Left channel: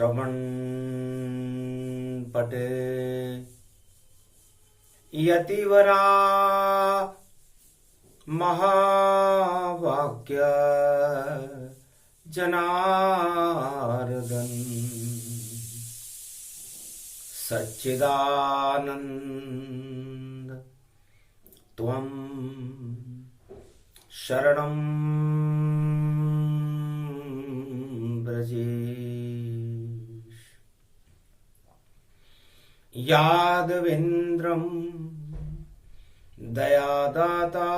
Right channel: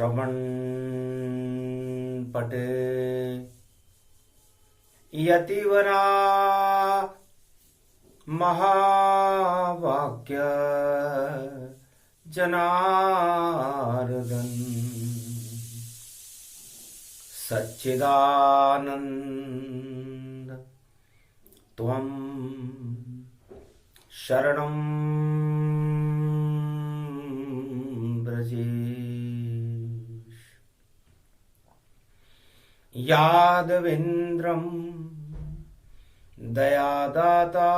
श्रवण पटे यतिवरा महावाक्य जनार्दन सच्चिदानंद त्वं शरणं व्रजेश। यादवेन्द्रं दयादाता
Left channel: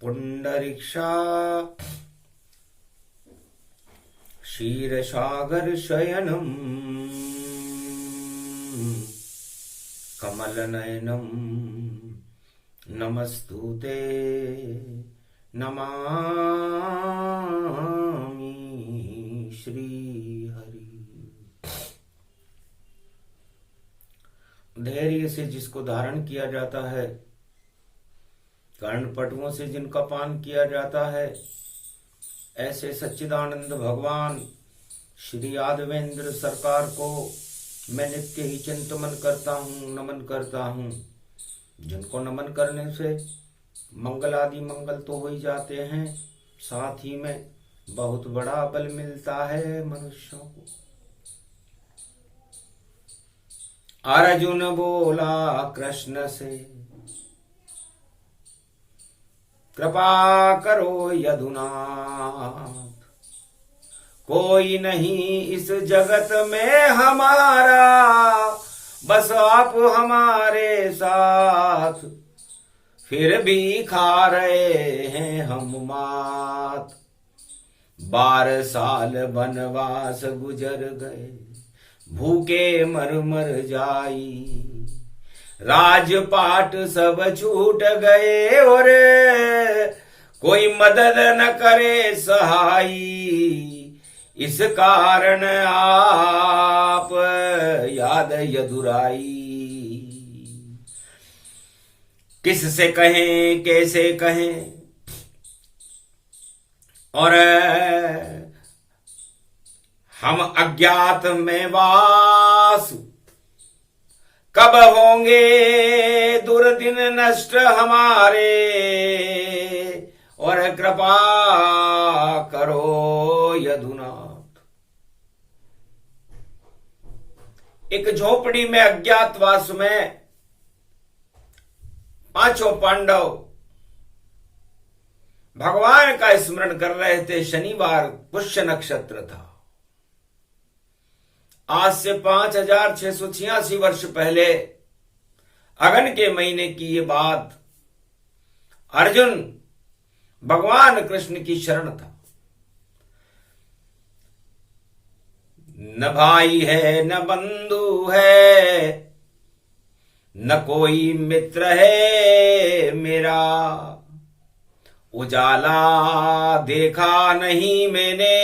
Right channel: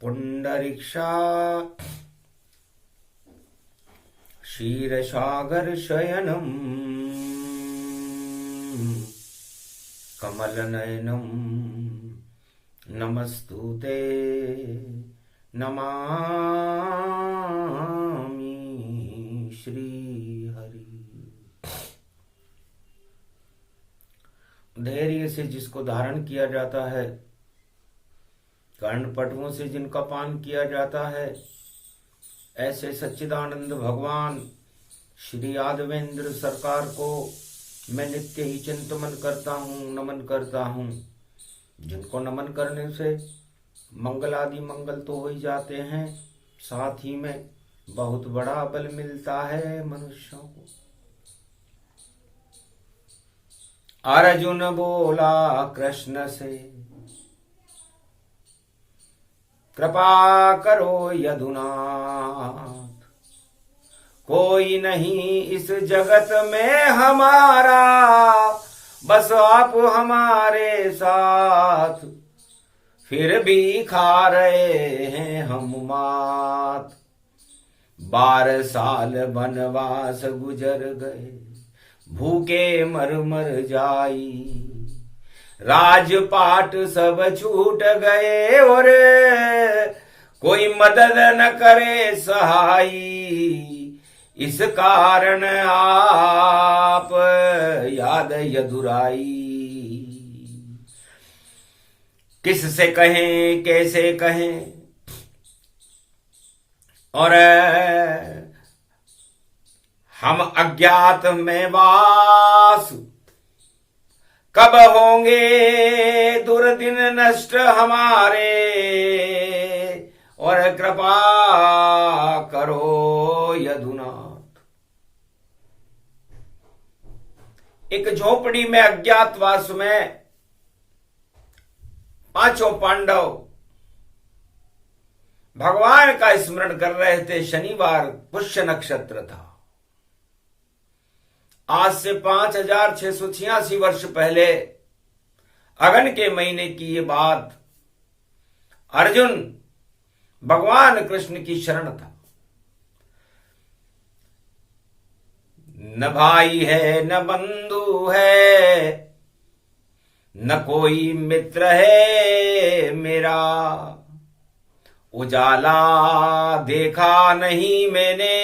पुंडरीक्षा क्षीरसागर शयनं कमलनयनं नमस्तुते नमामि श्रीहरि। धैर्य से जिसको धारण किया जाता है, कर्णपटुओं से जिनका पान किया जाता है, ऐसे सच्चिदानंद भगवान श्री यादवेंद्र सरकार को मैं नित्य ही चिंतन करता हूँ, नमन करता हूँ। जिनको नमन करने से मंगल आदि मंगल तो हो ही जाते हैं, साथ ही में बहुत बड़ा बल मिलता है मनुष्यों को। अर्जुन बोला कृष्ण से, कृपा करो यदुनाथ, कोई नहीं इस जगत में हमारा, बस आप हमारे साथ। फिर भी खा रहे हैं हम मात, 12 साल वनवास गुजर गए, भूखे मर मर जाई। राजपाट सब छूट गए और कोई मदद न करे सहाई। इस कारण आप याद यदुराई। किससे कहें कैसे कहें, और हम अज्ञात में वास, कब होंगे दुर्दिन नष्ट हमारे, और कृपा करो यदुनाथ। एक झोपड़ी में अज्ञातवास में 5 पांडव भगवान का स्मरण कर रहे थे। शनिवार पुष्य नक्षत्र था। आज से 5686 वर्ष पहले अगन के महीने की ये बात। अर्जुन भगवान कृष्ण की शरण था। न भाई है न बंधु है, न कोई मित्र है मेरा, उजाला देखा नहीं मैंने,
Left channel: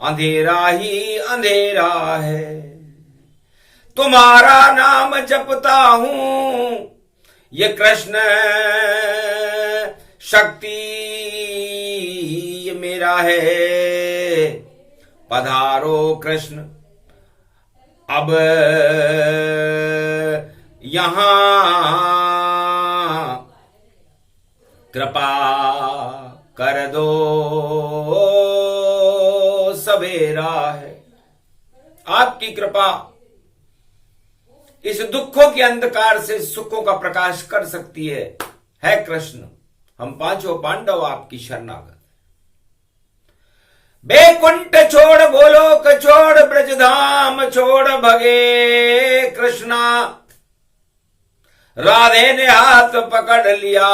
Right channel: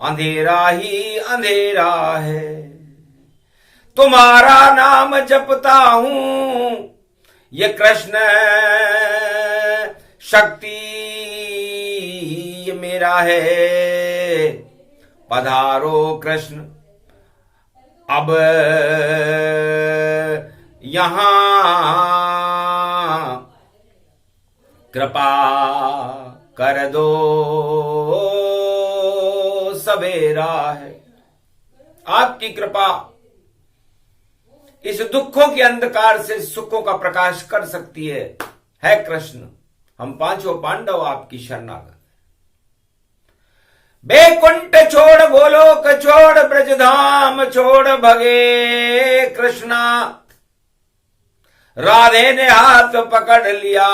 अंधेरा ही अंधेरा है। तुम्हारा नाम जपता हूं, ये कृष्ण शक्ति ये मेरा है। पधारो कृष्ण अब यहां, कृपा कर दो सवेरा है। आपकी कृपा इस दुखों के अंधकार से सुखों का प्रकाश कर सकती है कृष्ण। हम 5 पांडव आपकी शरणागत। बैकुंठ छोड़ गोलोक छोड़ ब्रजधाम छोड़ भगे कृष्णा, राधे ने हाथ पकड़ लिया,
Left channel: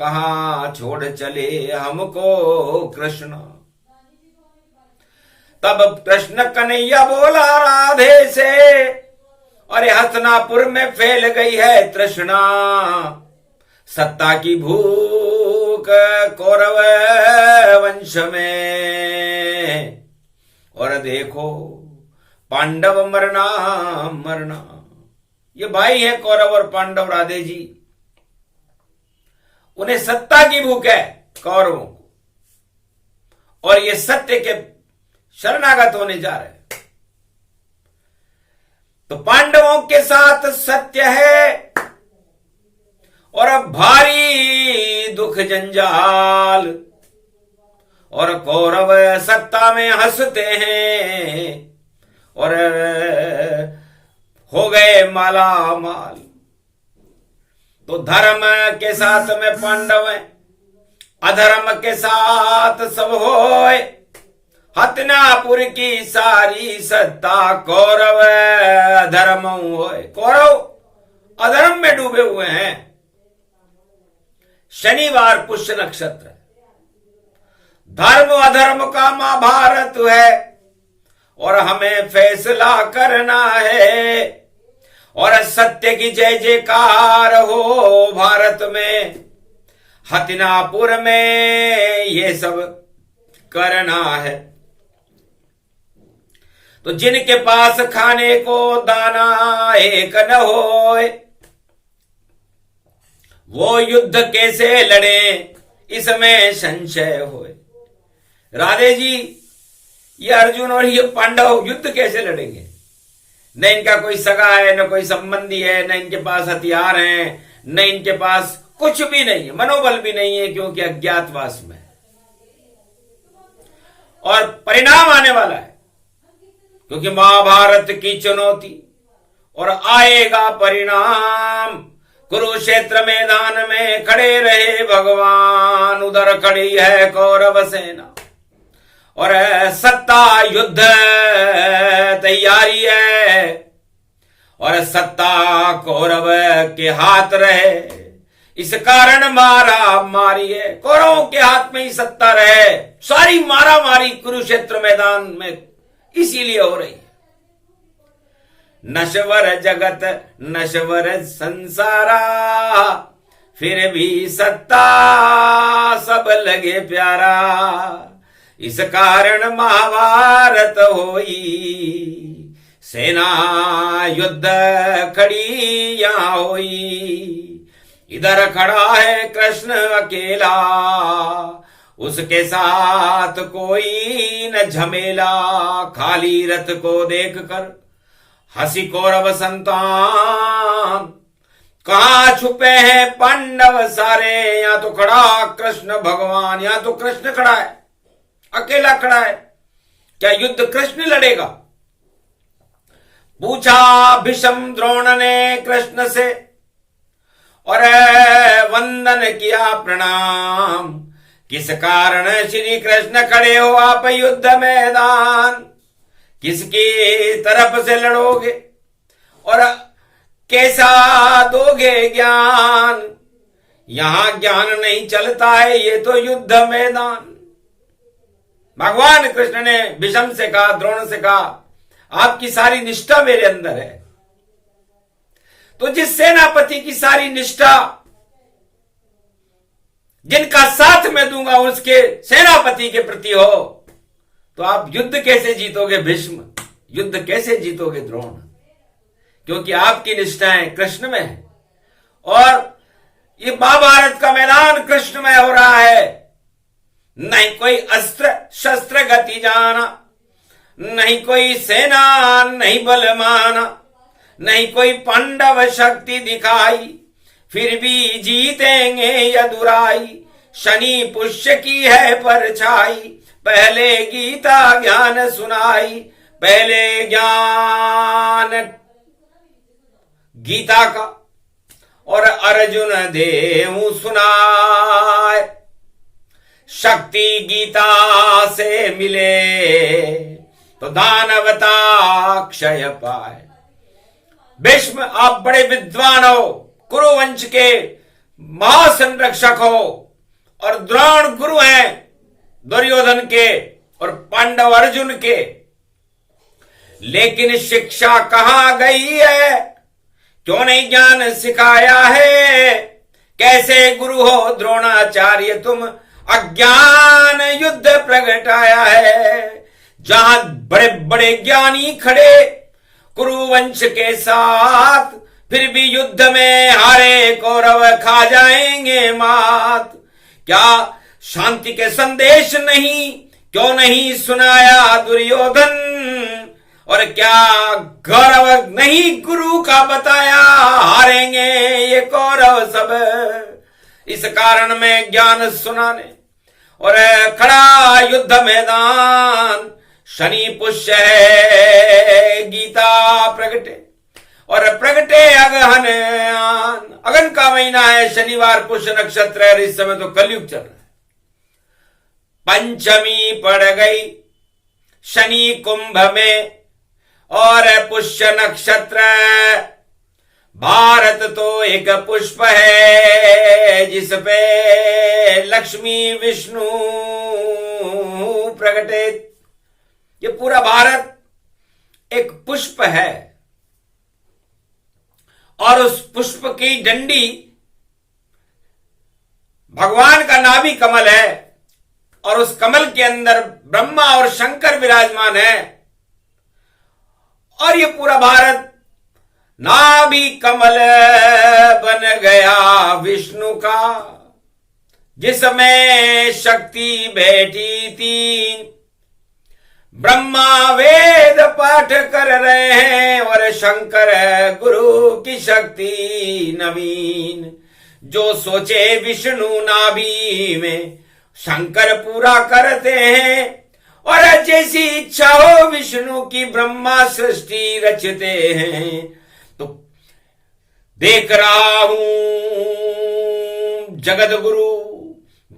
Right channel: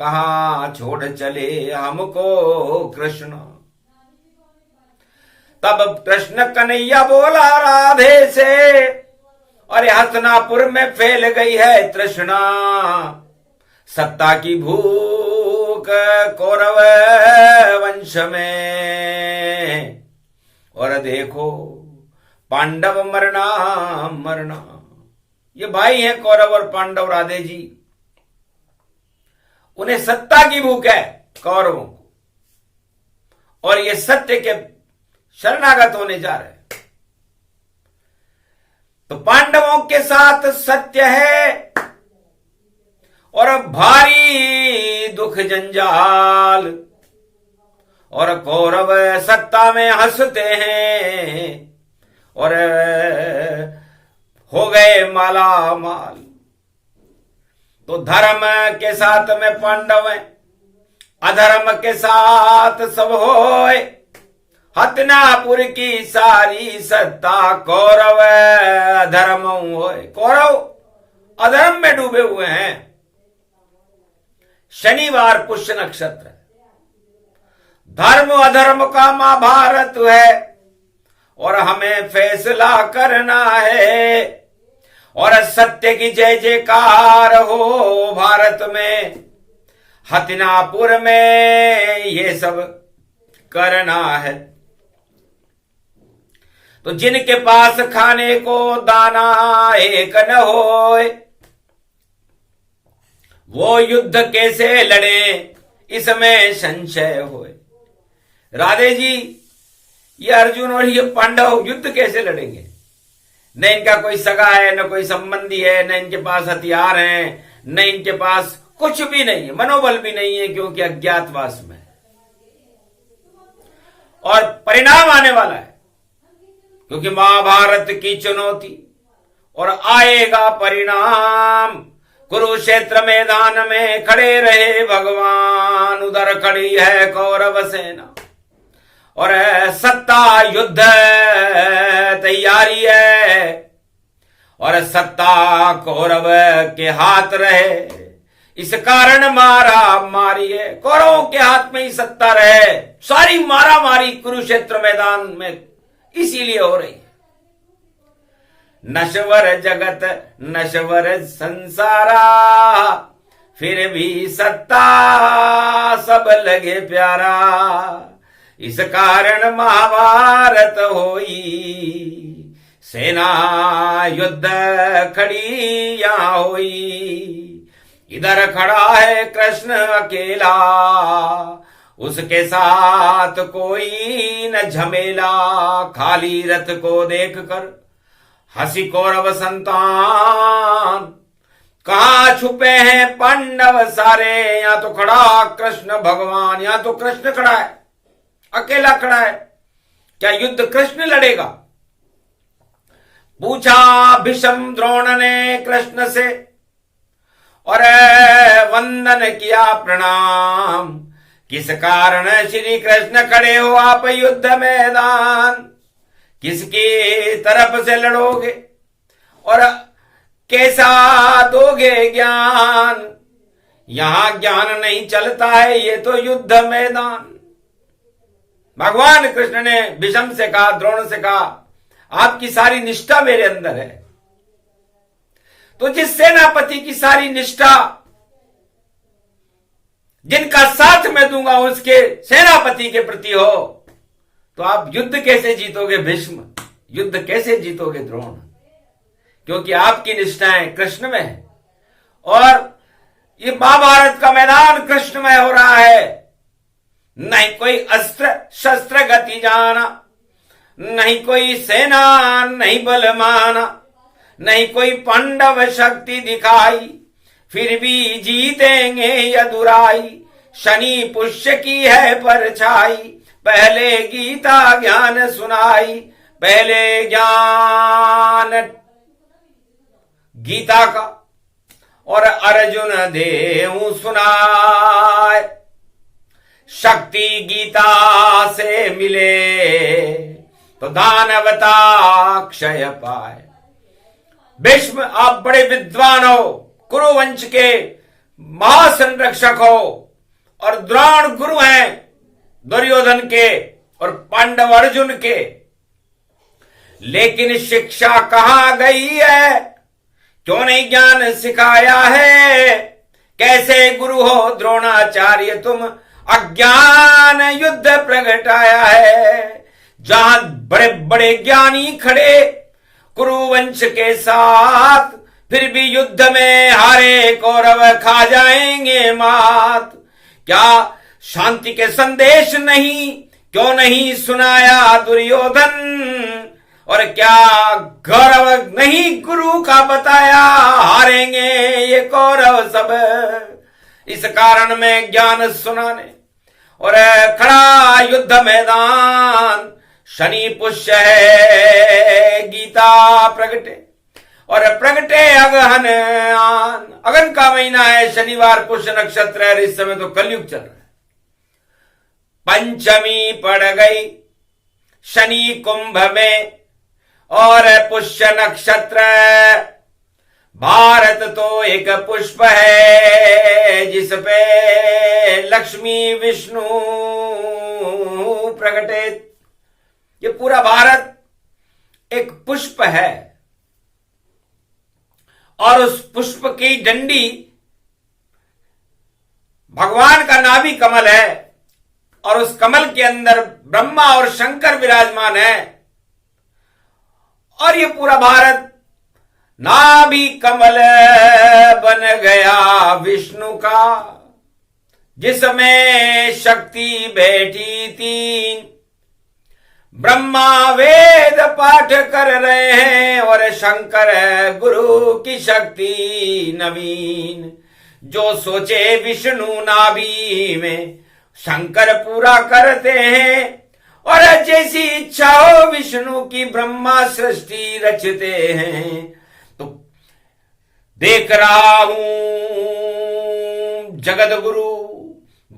कहां छोड़ चले हमको कृष्ण। तब कृष्ण कन्हैया बोला राधे से, अरे हसनापुर में फैल गई है तृष्णा, सत्ता की भूख कौरव वंश में, और देखो पांडव मरना मरना। ये भाई हैं कौरव और पांडव राधे जी। उन्हें सत्ता की भूख है कौरवों को, और ये सत्य के शरणागत होने जा रहे हैं। तो पांडवों के साथ सत्य है और भारी दुख जंजाल, और कौरव सत्ता में हंसते हैं और हो गए माला माल। तो धर्म के साथ में पांडव हैं, अधर्म के साथ सब होए। हतनापुर की सारी सत्ता कौरव अधर्म होए। कौरव अधर्म में डूबे हुए हैं। शनिवार पुष्य नक्षत्र, धर्म अधर्म का महाभारत है और हमें फैसला करना है। और सत्य की जय जयकार हो भारत में, हतिनापुर में ये सब करना है। तो जिनके पास खाने को दाना एक न होए, वो युद्ध कैसे लड़े इसमें संशय होए। राधे जी, ये अर्जुन और ये पांडव युद्ध कैसे लड़ेंगे? न इनका कोई सगा है, न कोई संबंधी है, न इनके पास हथियार हैं, न इनके पास कुछ भी नहीं है, मनोबल भी नहीं है, क्योंकि अज्ञातवास में। और परिणाम आने वाला है, क्योंकि महाभारत की चुनौती और आएगा परिणाम। कुरुक्षेत्र मैदान में खड़े रहे भगवान, उधर खड़ी है कौरव सेना और सत्ता युद्ध तैयारी है और सत्ता कौरव के हाथ रहे। इस कारण मारा मारी है, कौरवों के हाथ में ही सत्ता रहे। सारी मारा मारी कुरुक्षेत्र मैदान में इसीलिए हो रही है। नश्वर जगत नश्वर संसारा, फिर भी सत्ता सब लगे प्यारा। इस कारण महाभारत होई, सेना युद्ध खड़ी यहां होई। इधर खड़ा है कृष्ण अकेला, उसके साथ कोई न झमेला। खाली रथ को देखकर हंसी कौरव संतान, कहां छुपे हैं पांडव सारे। यहां तो खड़ा कृष्ण भगवान, यहां तो कृष्ण खड़ा है, अकेला खड़ा है। क्या युद्ध कृष्ण लड़ेगा? पूछा भीष्म द्रोण ने कृष्ण से और वंदन किया प्रणाम। किस कारण श्री कृष्ण खड़े हो आप युद्ध मैदान? किसकी तरफ से लड़ोगे और कैसा दोगे ज्ञान? यहां ज्ञान नहीं चलता है, ये तो युद्ध मैदान। भगवान कृष्ण ने भीष्म से कहा, द्रोण से कहा, आपकी सारी निष्ठा मेरे अंदर है। तो जिस सेनापति की सारी निष्ठा, जिनका साथ मैं दूंगा उसके सेनापति के प्रति हो, तो आप युद्ध कैसे जीतोगे भीष्म? युद्ध कैसे जीतोगे द्रोण? क्योंकि आपकी निष्ठाएं कृष्ण में है और ये महाभारत का मैदान कृष्ण में हो रहा है। नहीं कोई अस्त्र शस्त्र गति जाना, नहीं कोई सेना नहीं बल माना, नहीं कोई पांडव शक्ति दिखाई, फिर भी जीतेंगे यदुराई। शनि पुष्य की है परछाई, पहले गीता ज्ञान सुनाई। पहले ज्ञान गीता का और अर्जुन देहु सुनाए। शक्ति गीता से मिले तो दानवता क्षय पाए। भीष्म आप बड़े विद्वान हो, कुरुवंश के महासंरक्षक हो, और द्रोण गुरु हैं दुर्योधन के और पांडव अर्जुन के। लेकिन शिक्षा कहां गई है? क्यों नहीं ज्ञान सिखाया है? कैसे गुरु हो द्रोणाचार्य तुम, अज्ञान युद्ध प्रगटाया है। जहां बड़े बड़े ज्ञानी खड़े कुरुवंश के साथ, फिर भी युद्ध में हारे कौरव खा जाएंगे मात। क्या शांति के संदेश नहीं? क्यों नहीं सुनाया दुर्योधन, और क्या गौरव नहीं गुरु का बताया, हारेंगे ये कौरव सब, इस कारण में ज्ञान सुनाने। और खड़ा युद्ध मैदान, शनि पुष्य है गीता प्रगटे, और प्रगटे अगहन आन, अगन का महीना है, शनिवार पुष्य नक्षत्र है, इस समय तो कलयुग चल रहा है। पंचमी पड़ गई शनि कुंभ में, और पुष्य नक्षत्र, भारत तो एक पुष्प है जिस पे लक्ष्मी विष्णु प्रगटे। ये पूरा भारत एक पुष्प है, और उस पुष्प की डंडी भगवान का नाभि कमल है, और उस कमल के अंदर ब्रह्मा और शंकर विराजमान है, और ये पूरा भारत नाभि कमल बन गया विष्णु का, जिसमें शक्ति बैठी तीन। ब्रह्मा वेद पाठ कर रहे हैं, और शंकर गुरु की शक्ति नवीन। जो सोचे विष्णु नाभि में, शंकर पूरा करते हैं, और जैसी इच्छा हो विष्णु की ब्रह्मा सृष्टि रचते हैं। तो देख रहा हूं जगत गुरु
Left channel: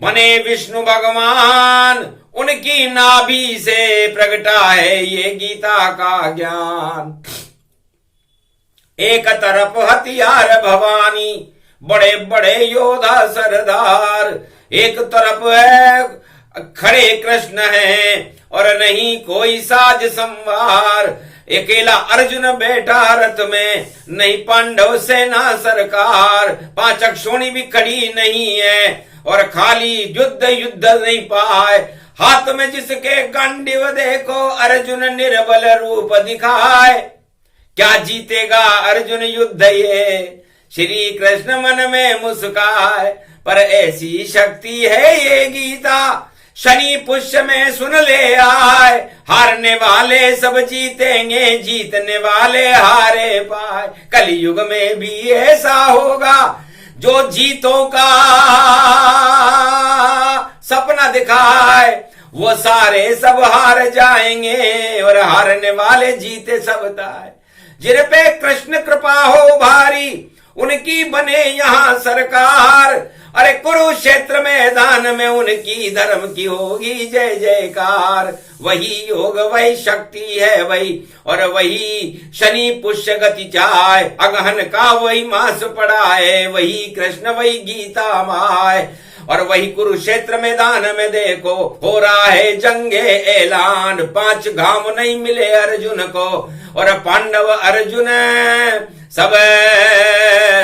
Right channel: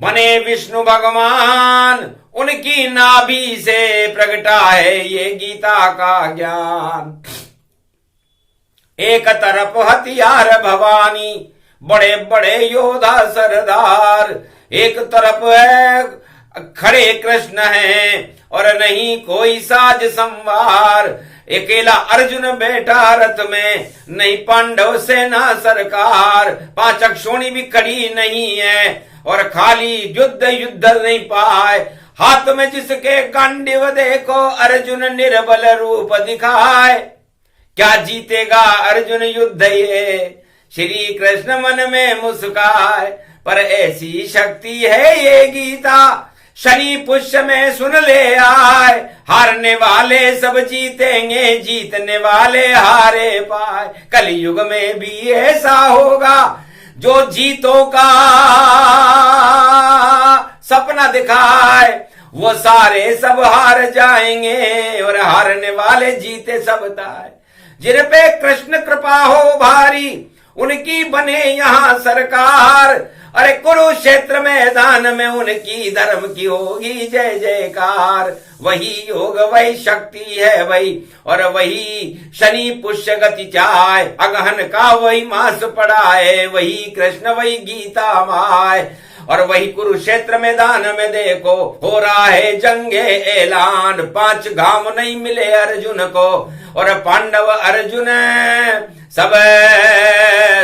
बने विष्णु भगवान, उनकी नाभि से प्रगटा है ये गीता का ज्ञान। एक तरफ हथियार भवानी, बड़े बड़े योद्धा सरदार, एक तरफ है खड़े कृष्ण हैं, और नहीं कोई साज संवार। अकेला अर्जुन बैठा रथ में, नहीं पांडव सेना सरकार। 5 अक्षोणी भी खड़ी नहीं है, और खाली युद्ध नहीं पाए। हाथ में जिसके गांडीव देखो, अर्जुन निर्बल रूप दिखाए। क्या जीतेगा अर्जुन युद्ध ये, श्री कृष्ण मन में मुस्काए। पर ऐसी शक्ति है ये गीता, शनि पुष्य में सुन ले आए। हारने वाले सब जीतेंगे, जीतने वाले हारे पाए। कलयुग में भी ऐसा होगा, जो जीतों का सपना दिखाए, वो सारे सब हार जाएंगे, और हारने वाले जीते सब ताए। जिन पे कृष्ण कृपा हो भारी, उनकी बने यहाँ सरकार। अरे कुरुक्षेत्र मैदान में उनकी धर्म की होगी जय जयकार। वही योग वही शक्ति है वही, और वही शनि पुष्य गति चाय। अगहन का वही मास पड़ाए, वही कृष्ण वही गीता माय। और वही कुरुक्षेत्र मैदान में देखो, हो रहा है जंगे ऐलान। 5 घाम नहीं मिले अर्जुन को, और पांडव अर्जुन सब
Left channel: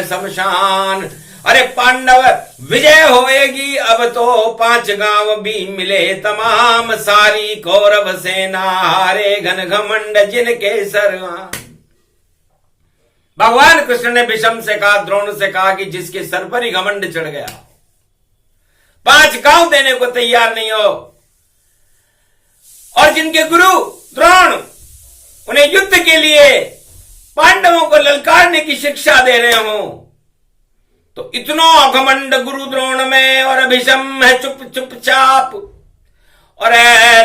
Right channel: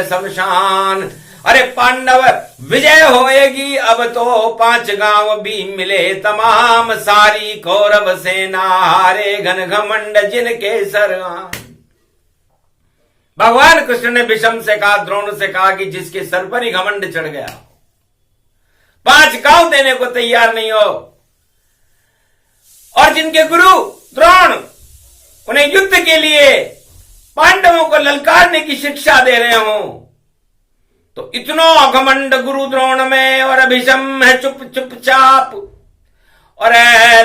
शमशान। अरे पांडव विजय होएगी अब तो, 5 गांव भी मिले तमाम। सारी कौरव सेना हारे घन घमंड जिनके सर। भगवान कृष्ण ने भीष्म से कहा, द्रोण से कहा कि जिसके सर पर ही घमंड चढ़ गया, 5 गांव देने को तैयार नहीं हो, और जिनके गुरु द्रोण उन्हें युद्ध के लिए पांडवों को ललकारने की शिक्षा दे रहे हो, तो इतना घमंड गुरु द्रोण में। और भीष्म है चुपचाप, और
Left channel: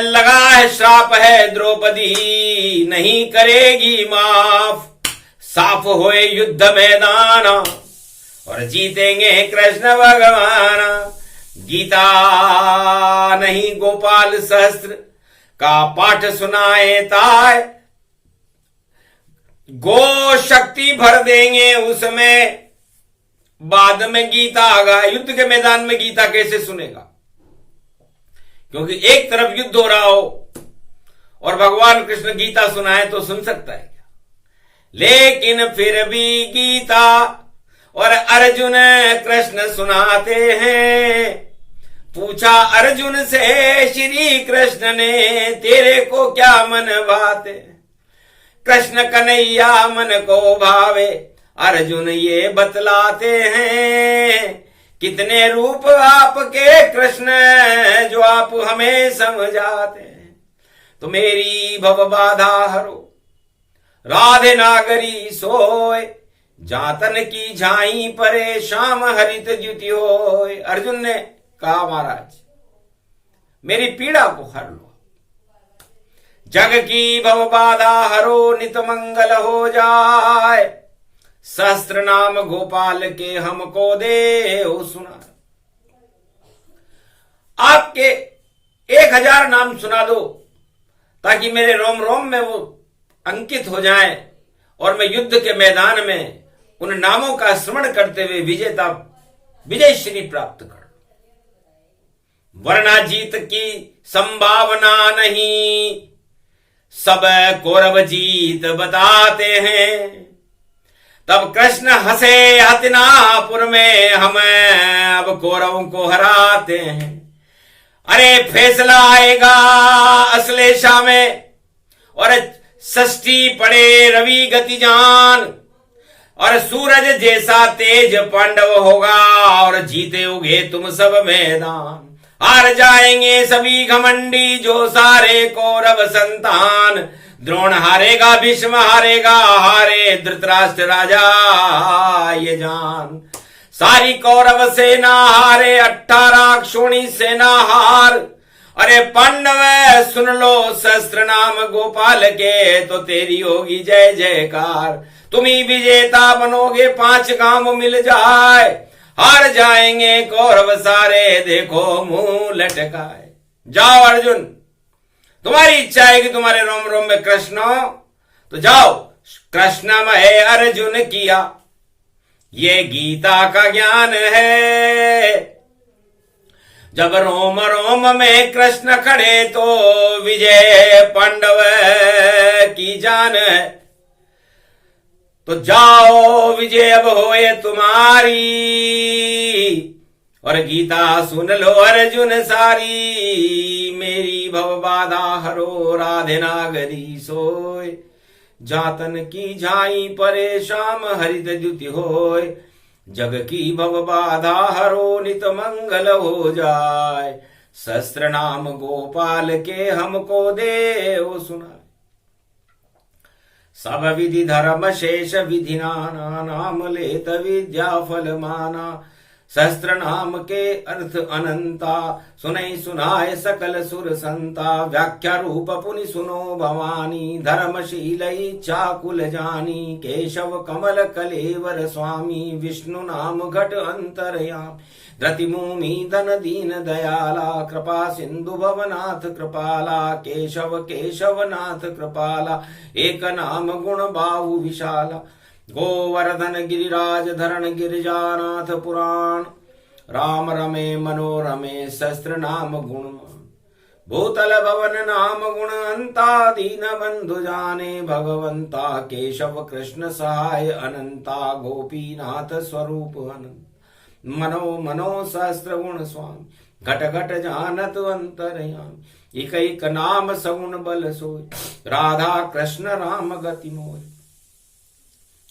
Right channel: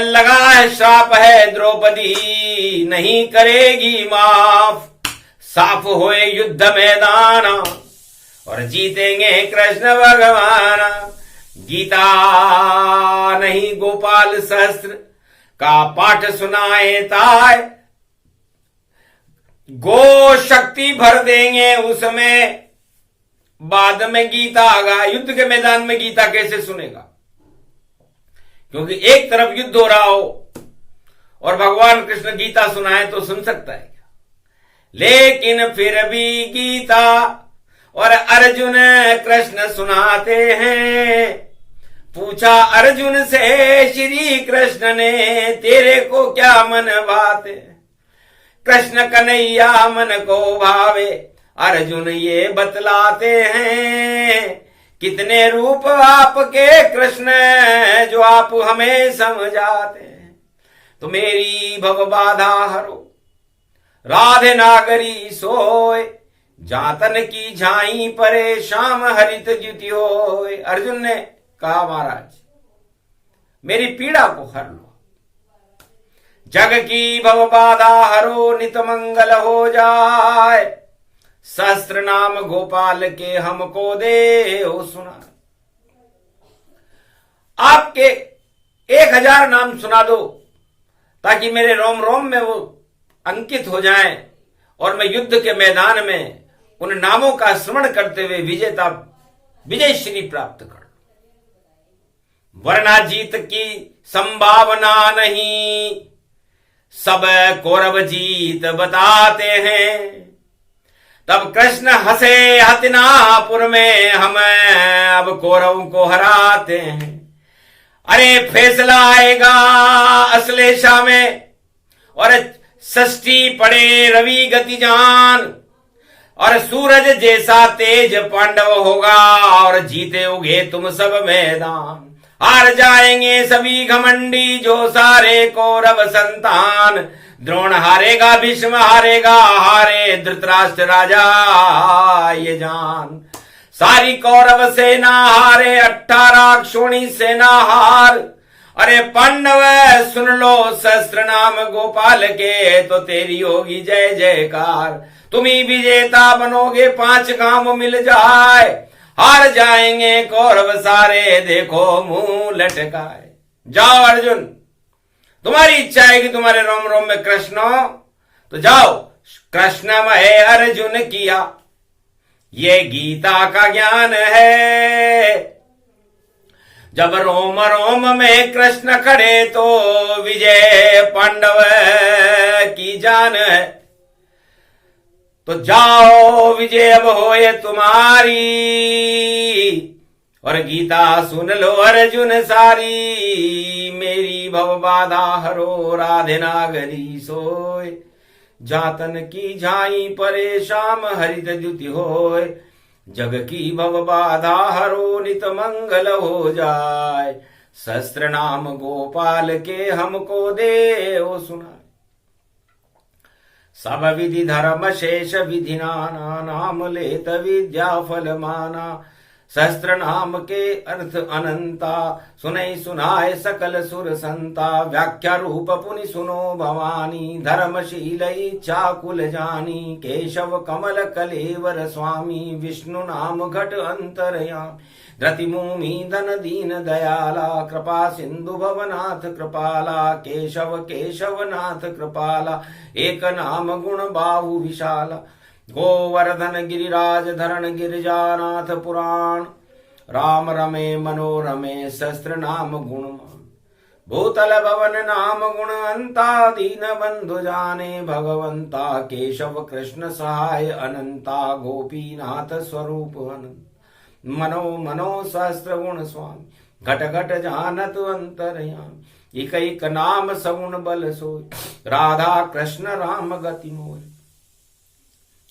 लगा है श्राप है द्रौपदी नहीं करेगी माफ। साफ होए युद्ध मैदान, और जीतेंगे कृष्ण भगवान। गीता नहीं गोपाल सहस्त्र का पाठ सुनाए ताय। गो शक्ति भर देंगे उसमें, बाद में गीता आगा। युद्ध के मैदान में गीता कैसे सुनेगा, क्योंकि एक तरफ युद्ध हो रहा हो और भगवान कृष्ण गीता सुनाए तो सुन सकता है क्या। लेकिन फिर भी गीता और अर्जुन कृष्ण सुनाते हैं। पूछा अर्जुन से श्री कृष्ण ने, तेरे को क्या मन बाते। कृष्ण कन्हैया मन को भावे, अर्जुन ये बतलाते हैं कितने रूप आपके कृष्ण जो आप हमें समझाते हैं। तो मेरी भव बाधा हरो राधे नागरी सोय, जातन की झाई परे श्याम हरित ज्युति होय। अर्जुन ने कहा महाराज मेरी पीड़ा को हर लो, जग की भव बाधा हरो नित मंगल हो जाए, सहस्त्र नाम गोपाल के हमको दे हो सुना। आपके 1000 नाम सुना दो ताकि मेरे रोम रोम में वो अंकित हो जाएं और मैं युद्ध के मैदान में उन नामों का स्मरण करते हुए विजय श्री प्राप्त कर। वरना जीत की संभावना नहीं, सब कौरव जीत बताते हैं। तब कृष्ण हंसे हतिनापुर में, हम अब कौरवों को हराते हैं। अरे फैसला आएगा अश्लेषा में, और षष्ठी पड़े रवि गति जान, और सूरज जैसा तेज पांडव होगा, और जीते उगे तुम सब मैदान। हार जाएंगे सभी घमंडी जो सारे कौरव संतान, द्रोण हारेगा भीष्म हारेगा, हारे धृतराष्ट्र राजा ये जान। सारी कौरव सेना हारे 18 क्षोणी सेना हार। अरे पांडव सुन लो सहस्त्र नाम गोपाल के, तो तेरी होगी जय जयकार। तुम ही विजेता बनोगे 5 गांव मिल जाए, हार जाएंगे कौरव सारे देखो मुंह लटकाए। जाओ अर्जुन, तुम्हारी इच्छा है कि तुम्हारे रोम रोम में कृष्ण हो तो जाओ, कृष्णमय अर्जुन किया ये गीता का ज्ञान है। जब रोम रोम में कृष्ण खड़े तो विजय पांडव की जान है। तो जाओ विजय अब होए तुम्हारी, और गीता सुन लो अर्जुन सारी। मेरी भव बाधा हरो राधे नागरी सोय, जातन की झाई परे श्याम हरित द्युति होय। जग की भव बाधा हरो नित मंगल हो जाए, सहस्त्र नाम गोपाल के हमको दे ओ सुनाए। सब विधि धर्म शेष विधि नाना, नाम लेत विद्या फल माना। सहस्त्र नाम के अर्थ अनंता, सुनै सुनाए सकल सुर संता। व्याख्या रूप पुनि सुनो भवानी, धर्मशील इच्छा कुल जानी। केशव कमल कलेवर स्वामी, विष्णु नाम घट अंतरयामी। धृति भूमि धन दीन दयाला, कृपा सिंधु भवनाथ कृपाला। केशव केशवनाथ कृपाला, एक नाम गुण बाहु विशाला। गोवर्धन गिरिराज धरण गिरिजानाथ पुराण, राम रमे मनोरमे सहस्त्र नाम गुण। भूतल भवन नाम गुण अंता, दीन बंधु जाने भगवंता। केशव कृष्ण सहाय अनंता, गोपीनाथ स्वरूप अनंत। मनो मनो सहस्त्र गुण स्वामी, घट घट जानत अंतरयामी। एक एक नाम सगुण बल सोय, राधा कृष्ण राम गति मोय।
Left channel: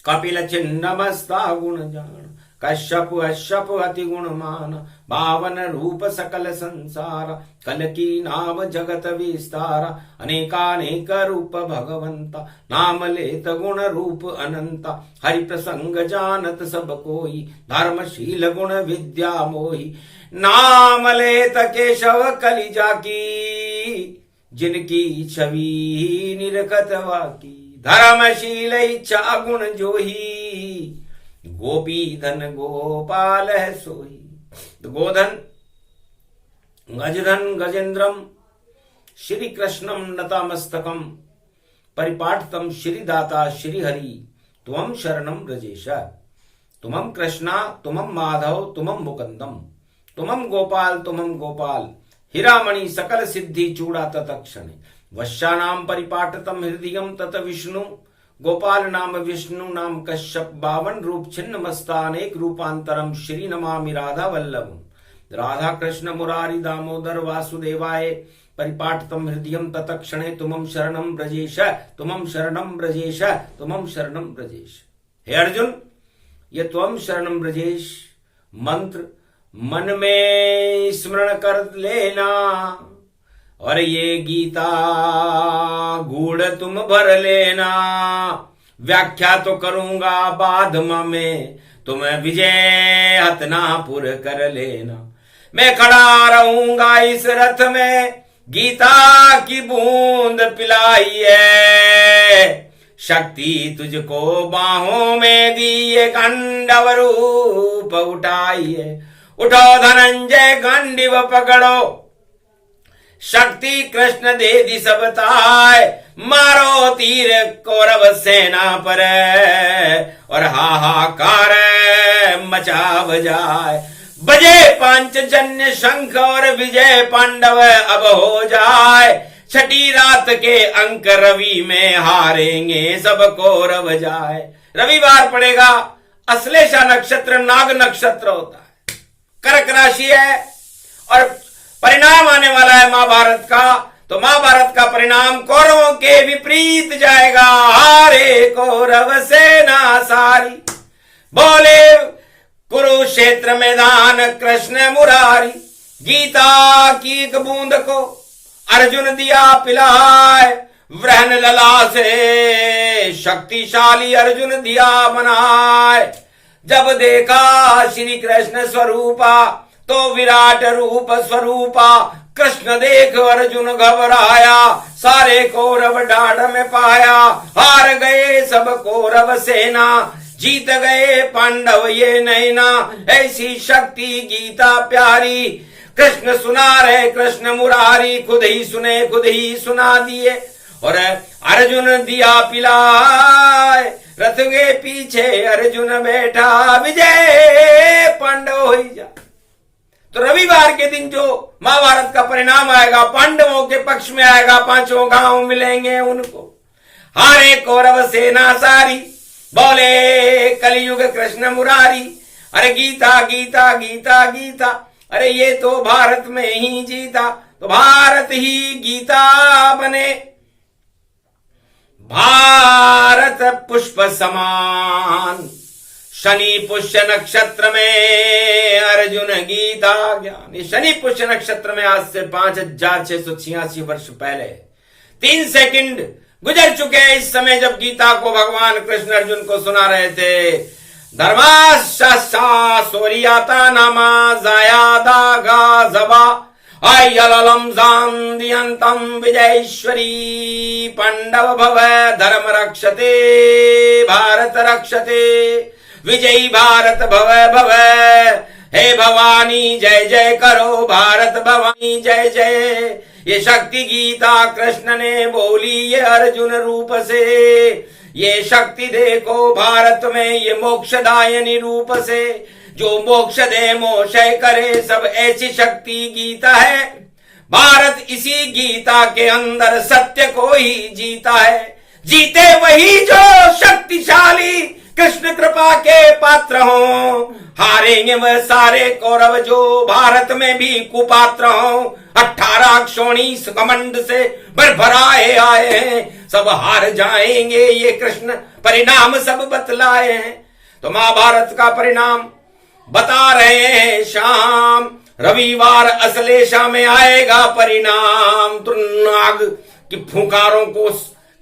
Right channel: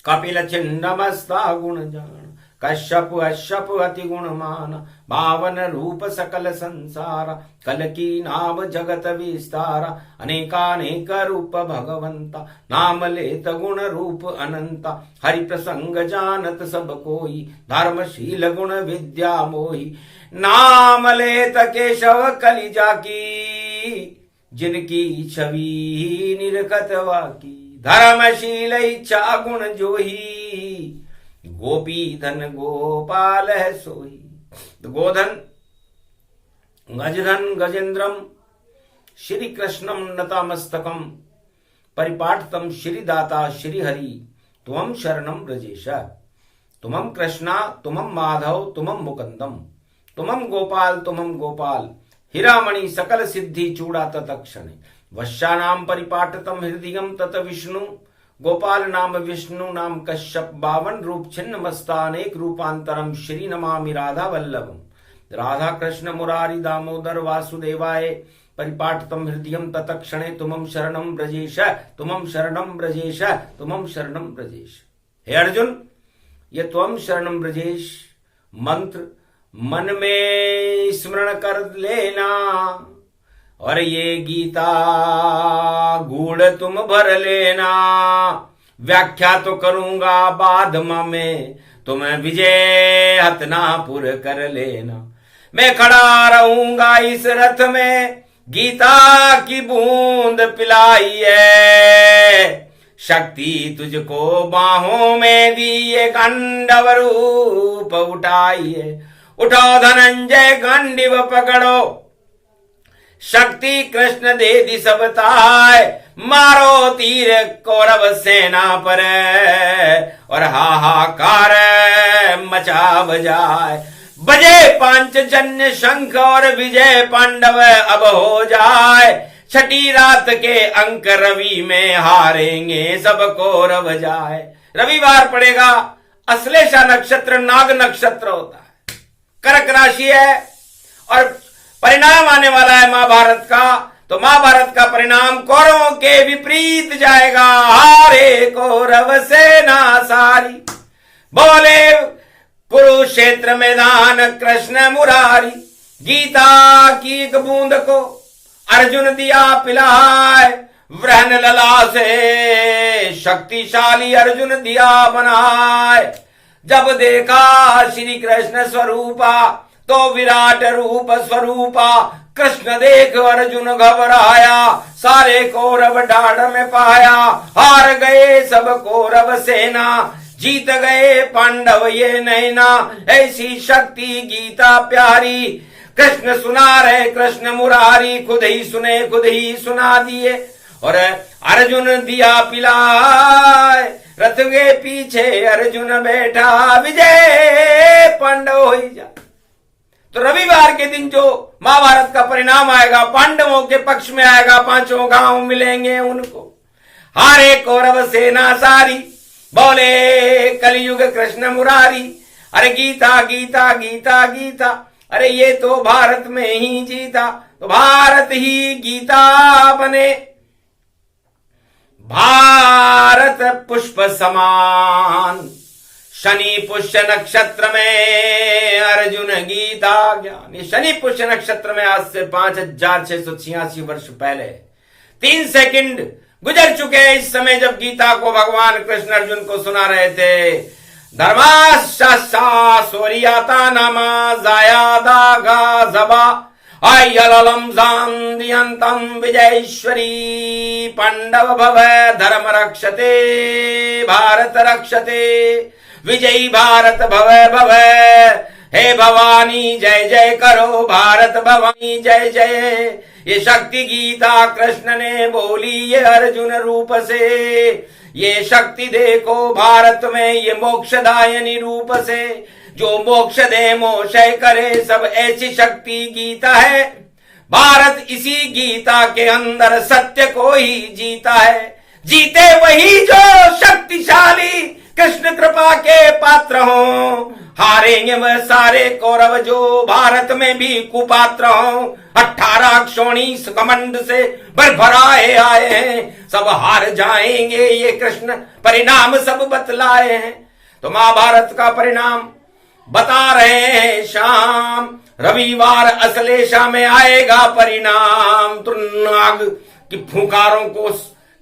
कपिल छिन्न मस्ता गुण जान, कश्यप अश्यप अति गुण मान। पावन रूप सकल संसार, कल की नाम जगत विस्तारा। अनेकानेक रूप भगवंता, नाम लेत गुण रूप अनंता। हरि प्रसंग जानत सब कोई, धर्मशील गुण विद्या मोही। नाम लेत केशव कलि जाकी, जिनकी छवि निरखत वाकी। धर्मशील इच्छा गुण जोही, गोपी धन गोपाल है सोई। गोधन गजधन गजेन्द्रम, श्री कृष्णम नतामस्तकम। परिपाठतम श्री दाता श्री हरि, तुमं शरणम ब्रजेश। तुमं कृष्णा तुमं माधव तुमं मुकुंदम, तुमं गोपाल हिरामणि सकल सिद्धि चूड़ा तत्क्षणे। वश्यानाम परिपाठतम हृदयम तत विष्णु, गोपाल नाम विष्णु नाम कश्यप। 52 रूप छिन्न मस्तानेक रूपांतरम, श्री नमामि राधा वल्लभम। राधा कृष्ण मुरारी दामोदर वासुदेवाय परिपाठतम हृदयम तत्क्षणे। तुमं शरणम ब्रजेश, तुमं शरणम ब्रजेश, तुमं शरणम ब्रजेश। हे अर्जुन, ये त्वम शरणम ब्रजेश मंत्र मन में स्मरण कर लेना, और ये गीता गूढ़ तुम भर लेना। व्याख्या तो करूंगा बाद में, तुम विजय हतनापुर कर लेना। मैं खड़ा रहूंगा इस रथ में, गीता की बूंद पिलाई है। शक्ति तुझको बाहों में दी, ये गंडव रूप उठाई है। उठो धनंजय गांडीव पकड़ो, शक्ति कृष्ण दे दी सब ताय। मारो तीर कौरव सेना पर, और हाहाकार मचा बजाए। बजे पांचजन्य शंख और विजय पांडव अब हो जाए। छठी रात के अंक रवि में हारेंगे सब कौरव जाए। रविवार पड़ेगा, अश्लेषा नक्षत्र नाग नक्षत्र होता है, कर्क राशि है, और परिणाम आने वाला है महाभारत का। तो महाभारत का परिणाम कौरवों के विपरीत जाएगा। हारे कौरव सेना सारी, बोले कुरुक्षेत्र मैदान कृष्ण मुरारी। गीता की एक बूंद को अर्जुन दिया पिलाए, वृहन लला से शक्तिशाली अर्जुन दिया बनाए। जब देखा श्री कृष्ण स्वरूपा, तो विराट रूप स्वरूपा। कृष्ण देख अर्जुन घबराया, सारे कौरव डाढ़ में पाया। हार गए सब कौरव सेना, जीत गए पांडव ये नैना। ऐसी शक्ति गीता प्यारी, कृष्ण सुना रहे कृष्ण मुरारी। खुद ही सुने खुद ही सुना दिए, और अर्जुन दिया पिलाए। रथ के पीछे अर्जुन बैठा, विजय पांडव हो जा। तो रविवार के दिन जो महाभारत का परिणाम आएगा, पांडवों के पक्ष में आएगा। पांचों गांव मिलेंगे उनको। हारे कौरव सेना सारी, बोले कलयुग कृष्ण मुरारी। अरे गीता गीता गीता गीता, अरे ये तो भारत में ही जीता। तो भारत ही गीता बने, भारत पुष्प समान। शनि पुष्य नक्षत्र में अर्जुन गीता ज्ञान। ये शनि पुष्य नक्षत्र में आज से 5686 वर्ष पहले 3 सेकंड गुजर चुके हैं इस समय, जब गीता को भगवान कृष्ण अर्जुन को सुना रहे थे। धर्माशा सोरियाता नामा जाया दागा जबा, आयललम जान्दियंतम विजयेश्वरी। पांडव भव धर्म रक्षते, भारत रक्षते, विजयी भारत भव भव। हे भवानी जय जय करो, भारत भवानी जय जय। ये शक्ति गीता कृष्ण ने बोली ये अर्जुन रूप से। ये शक्ति देखो भारत में, ये मोक्षदायनी रूप से। जो मोक्ष दे मोक्षय करे, सब ऐसी शक्ति गीता है। भारत इसी गीता के अंदर सत्य को ही जीता है। जीते वही जो शक्तिशाली कृष्ण कृपा के पात्र हों। हारेंगे वह सारे कौरव जो भारत में भी कुपात्र हों। 18 क्षोणीस घमंड से भरभराए आए हैं, सब हार जाएंगे ये कृष्ण परिणाम सब बतलाए हैं। तो महाभारत का परिणाम बता रहे हैं शाम। रविवार अश्लेषा में आएगा परिणाम। तो नाग की फुंकारों को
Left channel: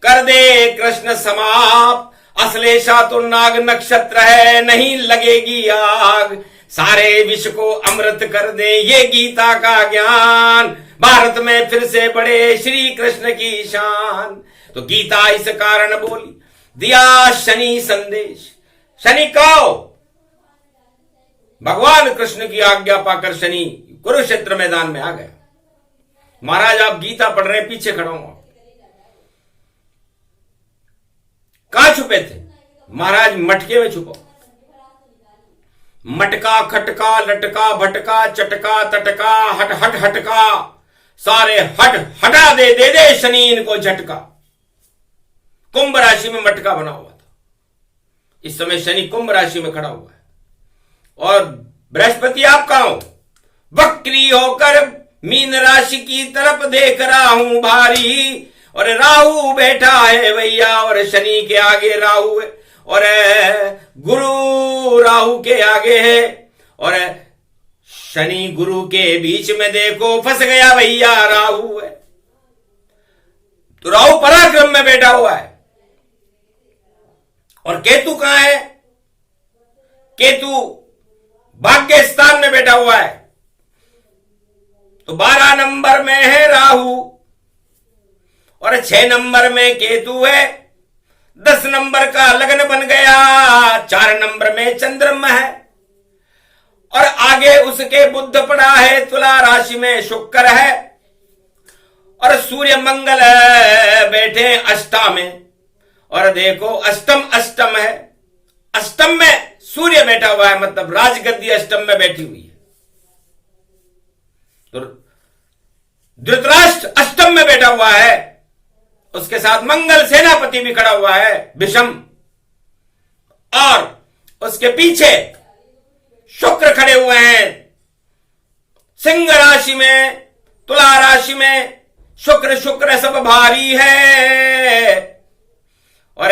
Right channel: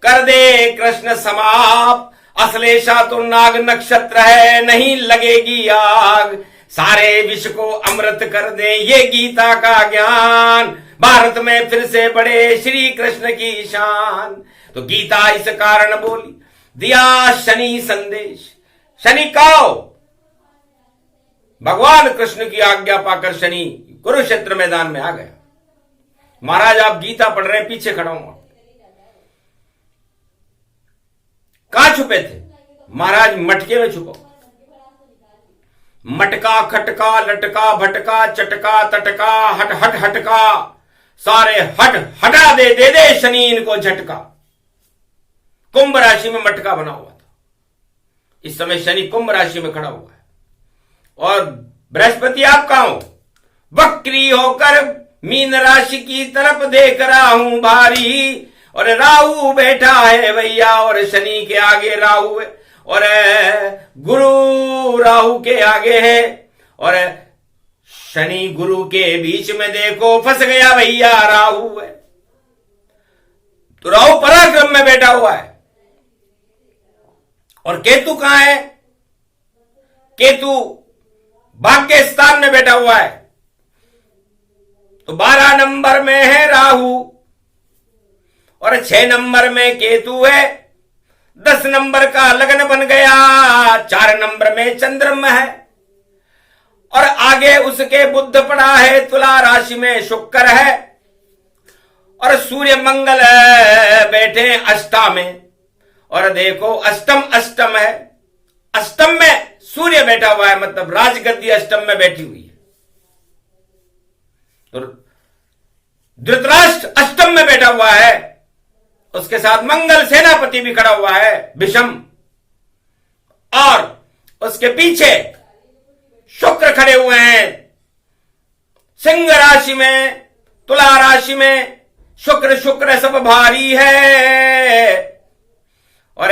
कर दे कृष्ण समाप्त। अश्लेषा तो नाग नक्षत्र है, नहीं लगेगी आग। सारे विश्व को अमृत कर दे ये गीता का ज्ञान। भारत में फिर से बढ़े श्री कृष्ण की शान। तो गीता इस कारण बोली, दिया शनि संदेश। शनि कहो, भगवान कृष्ण की आज्ञा पाकर शनि कुरुक्षेत्र मैदान में आ गया। महाराज आप गीता पढ़ रहे हैं, पीछे खड़ा हूं। कहां छुपे थे महाराज? मटके में छुपो। मटका खटका लटका भटका चटका तटका हट हट हटका, सारे हट हटा दे दे शनि इनको झटका। कुंभ राशि में मटका बना हुआ था। इस समय शनि कुंभ राशि में खड़ा हुआ है, और बृहस्पति आप कहां हो? वक्री होकर मीन राशि की तरफ देख रहा हूं भारी। और राहु बैठा है भैया, और शनि के आगे राहु है, और गुरु राहु के आगे है, और शनि गुरु के बीच में देखो फंस गया भैया राहु है। तो राहु पराक्रम में बैठा हुआ है और केतु कहां है? केतु भाग्य स्थान में बैठा हुआ है। तो 12 नंबर में है राहु और 6 नंबर में केतु है। 10 नंबर का लग्न बन गया। 4 नंबर में चंद्रमा है और आगे उसके बुध पड़ा है। तुला राशि में शुक्र है और सूर्य मंगल बैठे अष्टम में। और देखो अष्टम है। अष्टम में सूर्य बैठा हुआ है, मतलब राजगद्दी अष्टम में बैठी हुई है। तो धृतराष्ट्र अष्टम में बैठा हुआ है, उसके साथ मंगल सेनापति भी खड़ा हुआ है विषम, और उसके पीछे शुक्र खड़े हुए हैं सिंह राशि में, तुला राशि में। शुक्र सब भारी है। और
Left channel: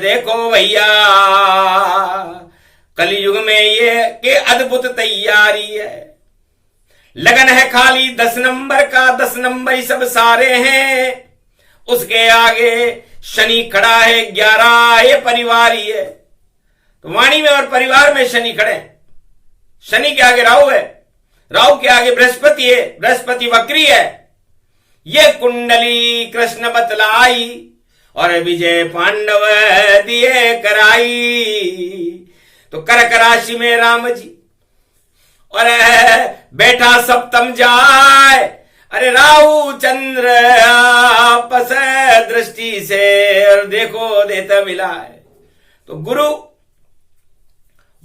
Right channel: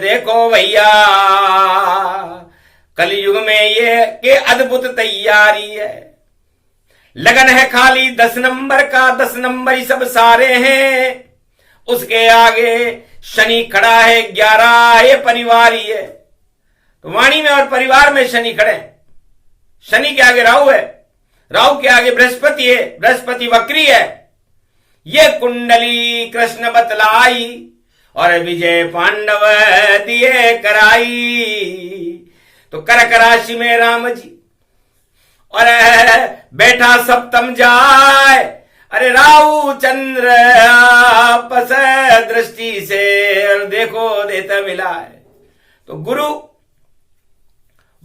देखो भैया कलयुग में ये के अद्भुत तैयारी है। लगन है खाली 10 नंबर का, 10 नंबर ही सब सारे हैं। उसके आगे शनि खड़ा है 11, ये परिवार ही है। तो वाणी में और परिवार में शनि खड़े। शनि के आगे राहु है, राहु के आगे बृहस्पति है, बृहस्पति वक्री है। ये कुंडली कृष्ण बतलाई और विजय पांडव दिए कराई। तो कर्क राशि में राम जी और बैठा सप्तम जाए। अरे राहु चंद्र आपस दृष्टि से और देखो देता मिला है। तो गुरु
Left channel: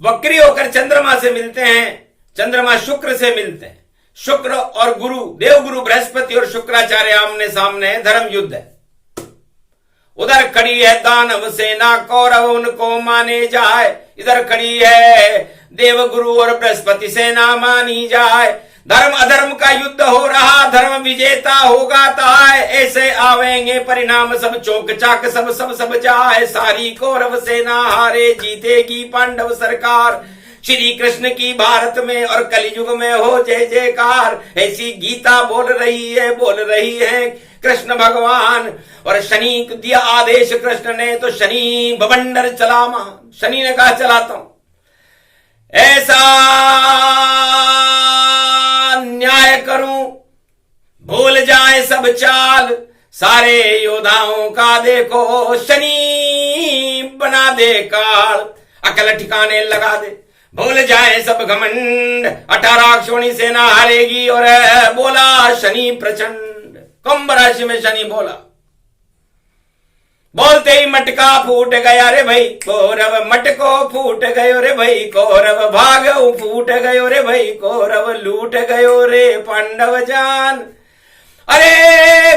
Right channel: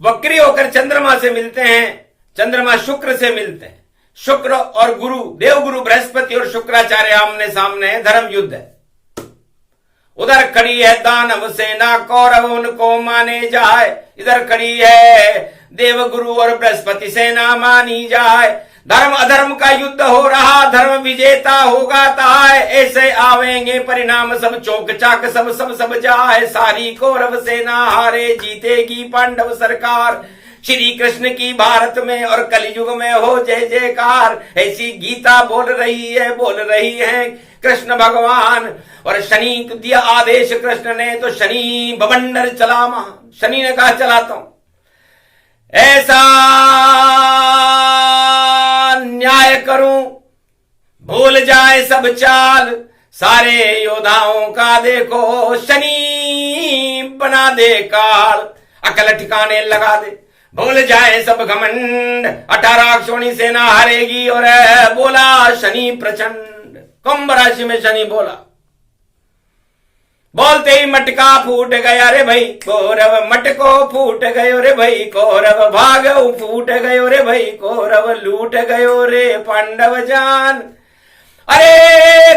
वक्री होकर चंद्रमा से मिलते हैं, चंद्रमा शुक्र से मिलते हैं। शुक्र और गुरु, देवगुरु बृहस्पति और शुक्राचार्य आमने सामने है, धर्म युद्ध है। उधर खड़ी है दानव सेना, कौरव उनको माने जाए। इधर खड़ी है देवगुरु और बृहस्पति सेना मानी जाए। धर्म अधर्म का युद्ध हो रहा, धर्म विजेता होगा ताय। ऐसे आवेंगे परिणाम सब चौक चाक, सब जाए। सारी कौरव सेना हारे, जीतेगी पांडव सरकार। श्री कृष्ण की भारत में और कलयुग में हो जय जयकार। ऐसी गीता बोल रही है कृष्ण भगवान। और शनि को दिया आदेश कृष्ण ने, तो शनि बवंडर चला महान। शनि ने कहा चलाता हूं। ऐसा न्याय करूं भूल जाए सब चाल। सारे योद्धाओं का देखो शनि बना दे काल। अकल ठिकाने लगा दे, भूल जाए सब घमंड। 18 अक्षोणी सेना हारेगी। और बोला शनि प्रचंड। कुंभ राशि में शनि बोला, बोलते ही मटका फूट गया रे भाई कौरव, मटको फूट गयो रे भाई कौरव। भाग फूट गयो रे भाई कौरव, लूट गयो रे पांडव जान। अरे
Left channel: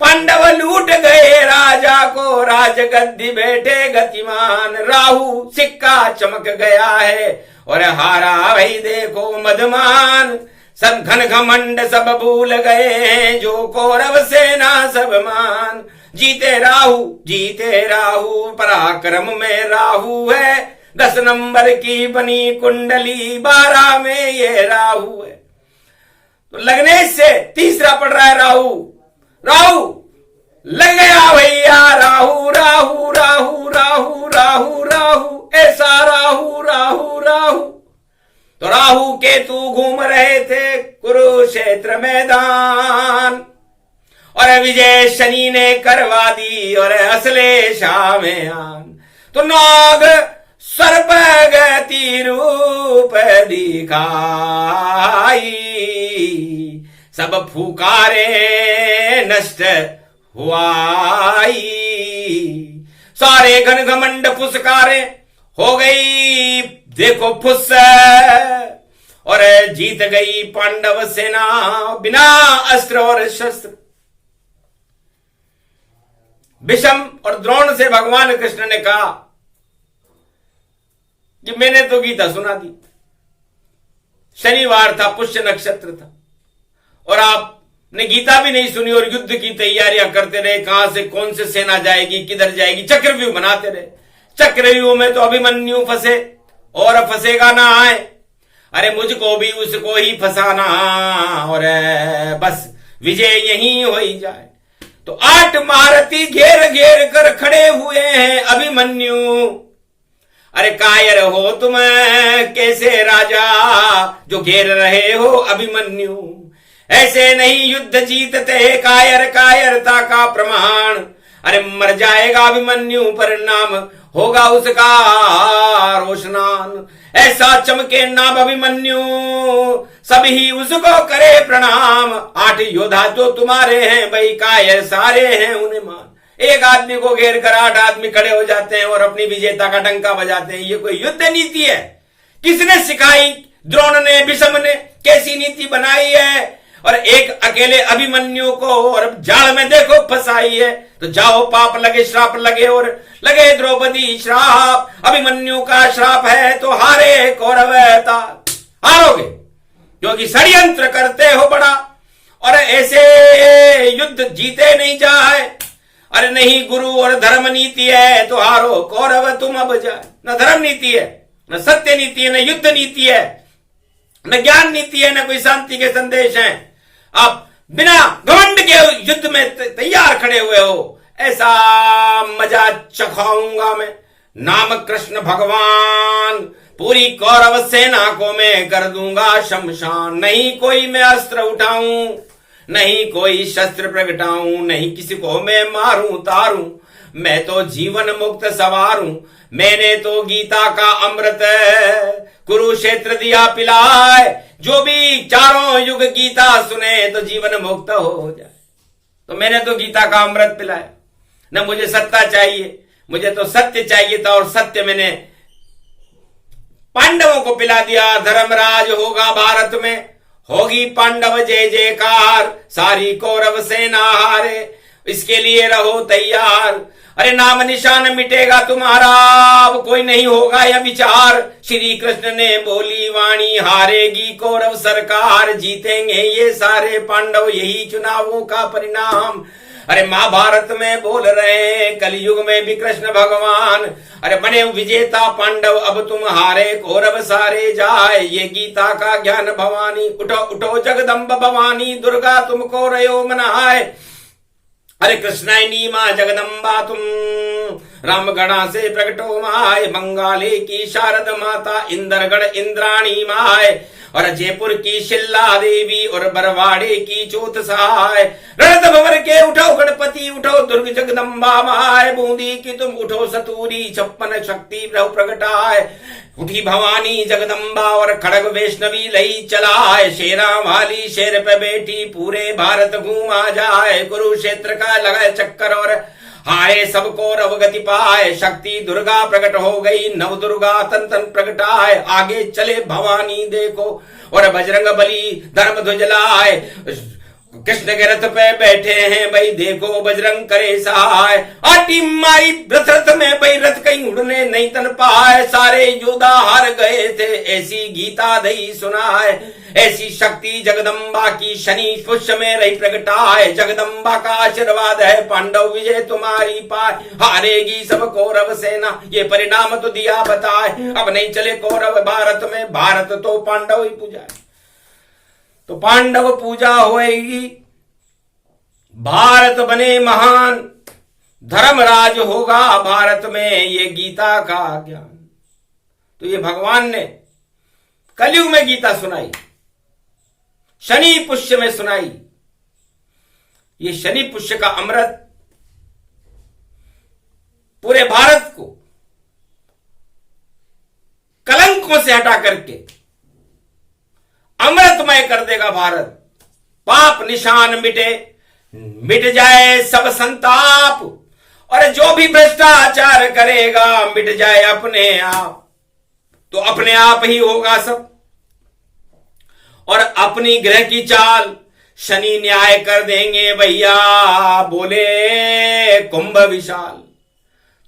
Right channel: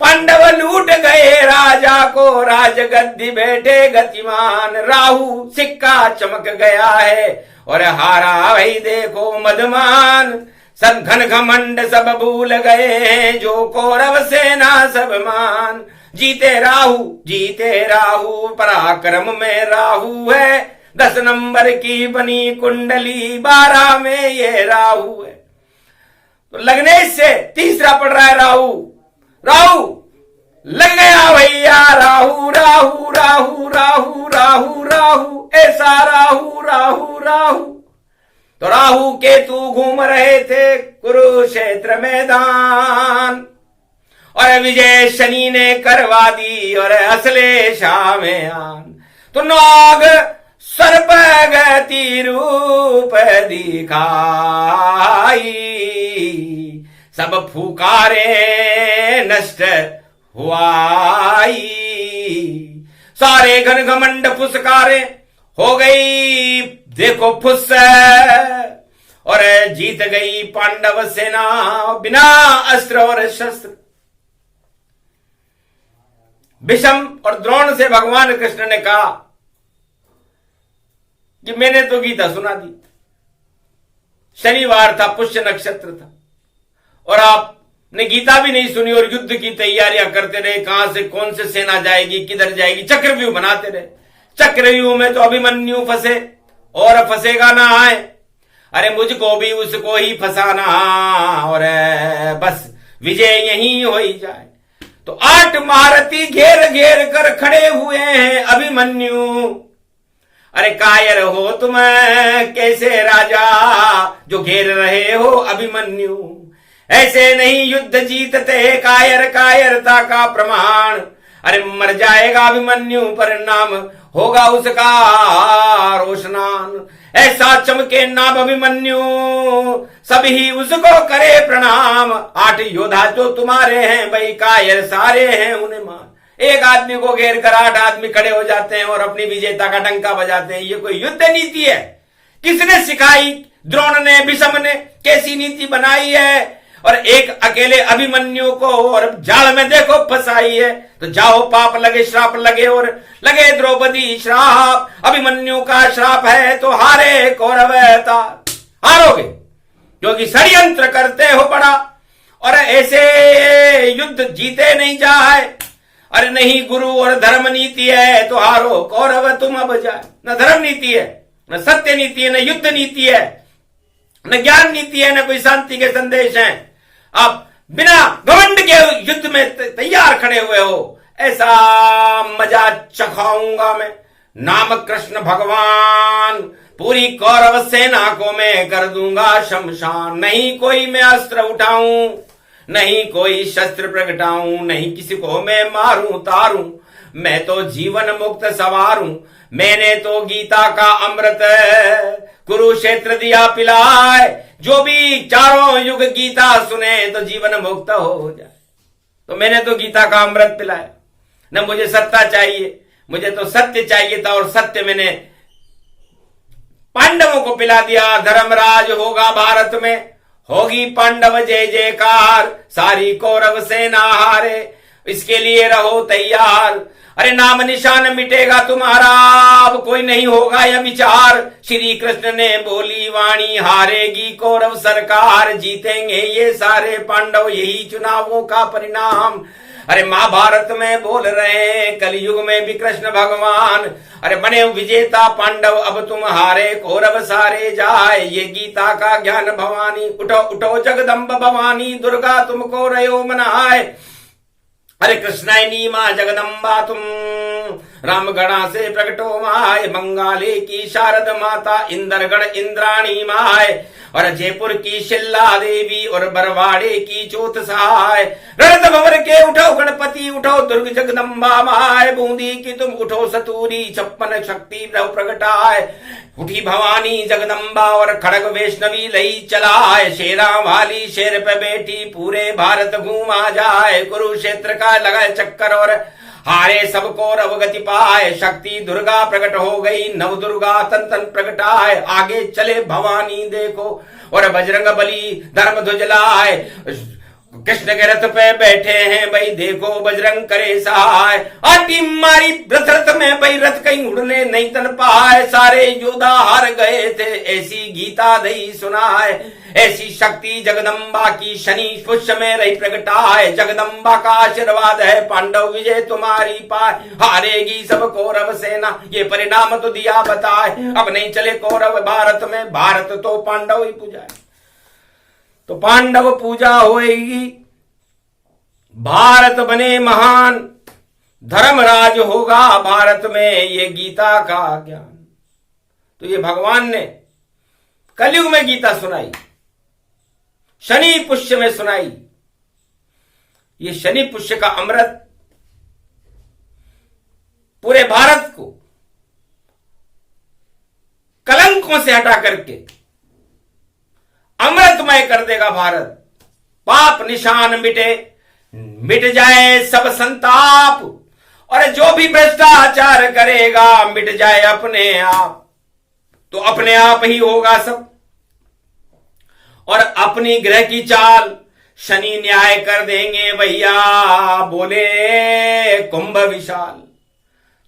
पांडव लूट गए राजा को, राजगद्दी बैठे गतिमान। राहु सिक्का चमक गया है और हारा भाई देखो मदमान। सब घन घमंड सब भूल गए हैं, जो कौरव सेना सब मान। जीते राहु पराक्रम में राहु है। 10 नंबर की बनी कुंडली, 12 में ये राहु है। तो लगने से तीसरा पड़ रहा है राहु लग गया भैया। राहु ऐसा राहु। तो राहु केतु घूम रहे थे कुरुक्षेत्र मैदान और विजय शनि ने करवा दी और असले शाह में आन। तो नाग सर्प गति रूप दिखाई, सब फुकारे नष्ट हुआई। सारे घन घमंड फुसकारे हो गई देखो फुस और जीत गई पांडव सेना बिना अस्त्र और शस्त्र। भीष्म और द्रोण से भगवान कृष्ण ने कहा कि मैंने तो गीता सुना दी, शनिवार था, पुष्य नक्षत्र था, और आपने गीता भी नहीं सुनी और युद्ध की तैयारियां करते रहे। कहां से कौन से सेना जाएगी, किधर जाएगी, चक्रव्यूह बनाते रहे। चक्रव्यूह में तो अभिमन्यु फंसे और फंसेगा ना आए। अरे मुझको भी उसको ही फंसाना और बस विजय यहीं हो ही जाए। तो 8 महारथी घेर घेर कर खड़े हुए हैं अभिमन्यु। अरे कायर हो तुम कैसे राजा जो घेर रहे हो अभिमन्यु, ऐसे नहीं युद्ध जीतते कायर कायरता का प्रमाण। अरे मर जाएगा अभिमन्यु परिणाम होगा उसका रोशनान। ऐसा चमके नाम अभिमन्यु सभी उसको करे प्रणाम। 8 योद्धा जो तुम्हारे हैं भाई कायर सारे हैं उन्हें मान। एक आदमी को घेर कर 8 आदमी खड़े हो जाते हैं और अपनी विजेता का डंका बजाते हैं। ये कोई युद्ध नीति है? किसने सिखाई? द्रोण ने, भीष्म ने कैसी नीति बनाई है? और एक अकेले अभिमन्यु को और जाल में देखो फंसाई है। तो जाओ पाप लगे श्राप लगे और लगे द्रौपदी श्राप। अभिमन्यु का श्राप है तो हारे कौरव हारोगे क्योंकि षड्यंत्र करते हो बड़ा और ऐसे युद्ध जीते नहीं जाए। अरे नहीं गुरु और धर्म नीति है तो हारो कौरव तुम अब जाए। न धर्म नीति है, न सत्य नीति है, न युद्ध नीति है, न ज्ञान नीति है, न कोई शांति के संदेश हैं। आप बिना घमंड के युद्ध में तैयार खड़े हुए हो। ऐसा मजा चखाऊंगा मैं नाम कृष्ण भगवान। पूरी कौरव सेना को मैं कर दूंगा शमशान। नहीं कोई मैं अस्त्र उठाऊं, नहीं कोई शस्त्र प्रगटाऊं, नहीं किसी को मैं मारूं तारूं। मैं तो जीवन मुक्त सवारूं। मैंने तो गीता का अमृत कुरुक्षेत्र दिया पिलाए। जो भी चारों युग गीता सुने तो जीवन मुक्त हो जाए। तो मैंने तो गीता का अमृत पिलाया। न मुझे सत्ता चाहिए, मुझे तो सत्य चाहिए था और सत्य मैंने पांडवों को पिला दिया। धर्मराज होगा भारत में, होगी पांडव जय जयकार। सारी कौरव सेना हारे, इसके लिए रहो तैयार। अरे नाम निशान मिटेगा तुम्हारा, अब कोई नहीं होगा यह विचार। श्री कृष्ण ने बोली वाणी, हारेगी कौरव सरकार। जीतेंगे ये सारे पांडव, यही चुनावों का परिणाम। अरे महाभारत में बोल रहे हैं कलयुग में भी कृष्ण भगवान। अरे बने विजेता पांडव, अब तुम हारे कौरव सारे जाए। ये गीता का ज्ञान भवानी, उठो उठो जगदम्ब भवानी। दुर्गा तुमको रयो मनाए। अरे कृष्णायनी माँ जगदम्बा तुम, रामगढ़ा से प्रकटो माय। बंगाली की शारद माता, इंद्रगढ़ इंद्राणी माय। और जयपुर की शिल्ला देवी और बरवाड़े की चौथ सहाय। रणद भंवर के उठो गणपति, उठो दुर्ग जगदम्बा माय। बूंदी की तुम उठो सतूरी, 56 शक्ति प्रभु प्रगटाए। उठी भवानी जगदम्बा और खड़ग वैष्णवी लई चलाए। शेरा वाली शेर पे बैठी, पूरे भारत घूमा जाए। कुरुक्षेत्र का लगाए चक्कर और हारे सबको रव गति पाए। शक्ति दुर्गा प्रकट हो गई, नव दुर्गा तन तन प्रकटाए। आगे चले भवानी देखो और बजरंग बली धर्म ध्वज लाए। कृष्ण के रथ पे बैठे हैं भाई, देखो बजरंग करे सहाय। आटी मारी रथ रथ में भाई, रथ कहीं उड़ने नहीं तन पाए। सारे योद्धा हार गए थे, ऐसी गीता दई सुनाए। ऐसी शक्ति जगदम्बा की शनि पुष्य में रही प्रगटाए। जगदम्बा का आशीर्वाद है, पांडव विजय तुम्हारी पाए। हारेगी सब कौरव सेना, ये परिणाम तो दिया बताए। अब नहीं चले कौरव भारत में, भारत तो पांडव ही पूजाए। तो पांडव पूजा होएगी, भारत बने महान। धर्मराज होगा भारत में, ये गीता का ज्ञान। तो ये भगवान ने कलयुग में गीता सुनाई, शनि पुष्य में सुनाई। ये शनि पुष्य का अमृत पूरे भारत को कलंकों से हटा करके अमृतमय कर देगा भारत। पाप निशान मिटे, मिट जाए सब संताप। और जो भी भ्रष्टाचार करेगा मिट जाए अपने आप। तो अपने आप ही होगा सब। और अपनी ग्रह की चाल शनि न्याय कर देंगे भैया, बोले कुंभ विशाल।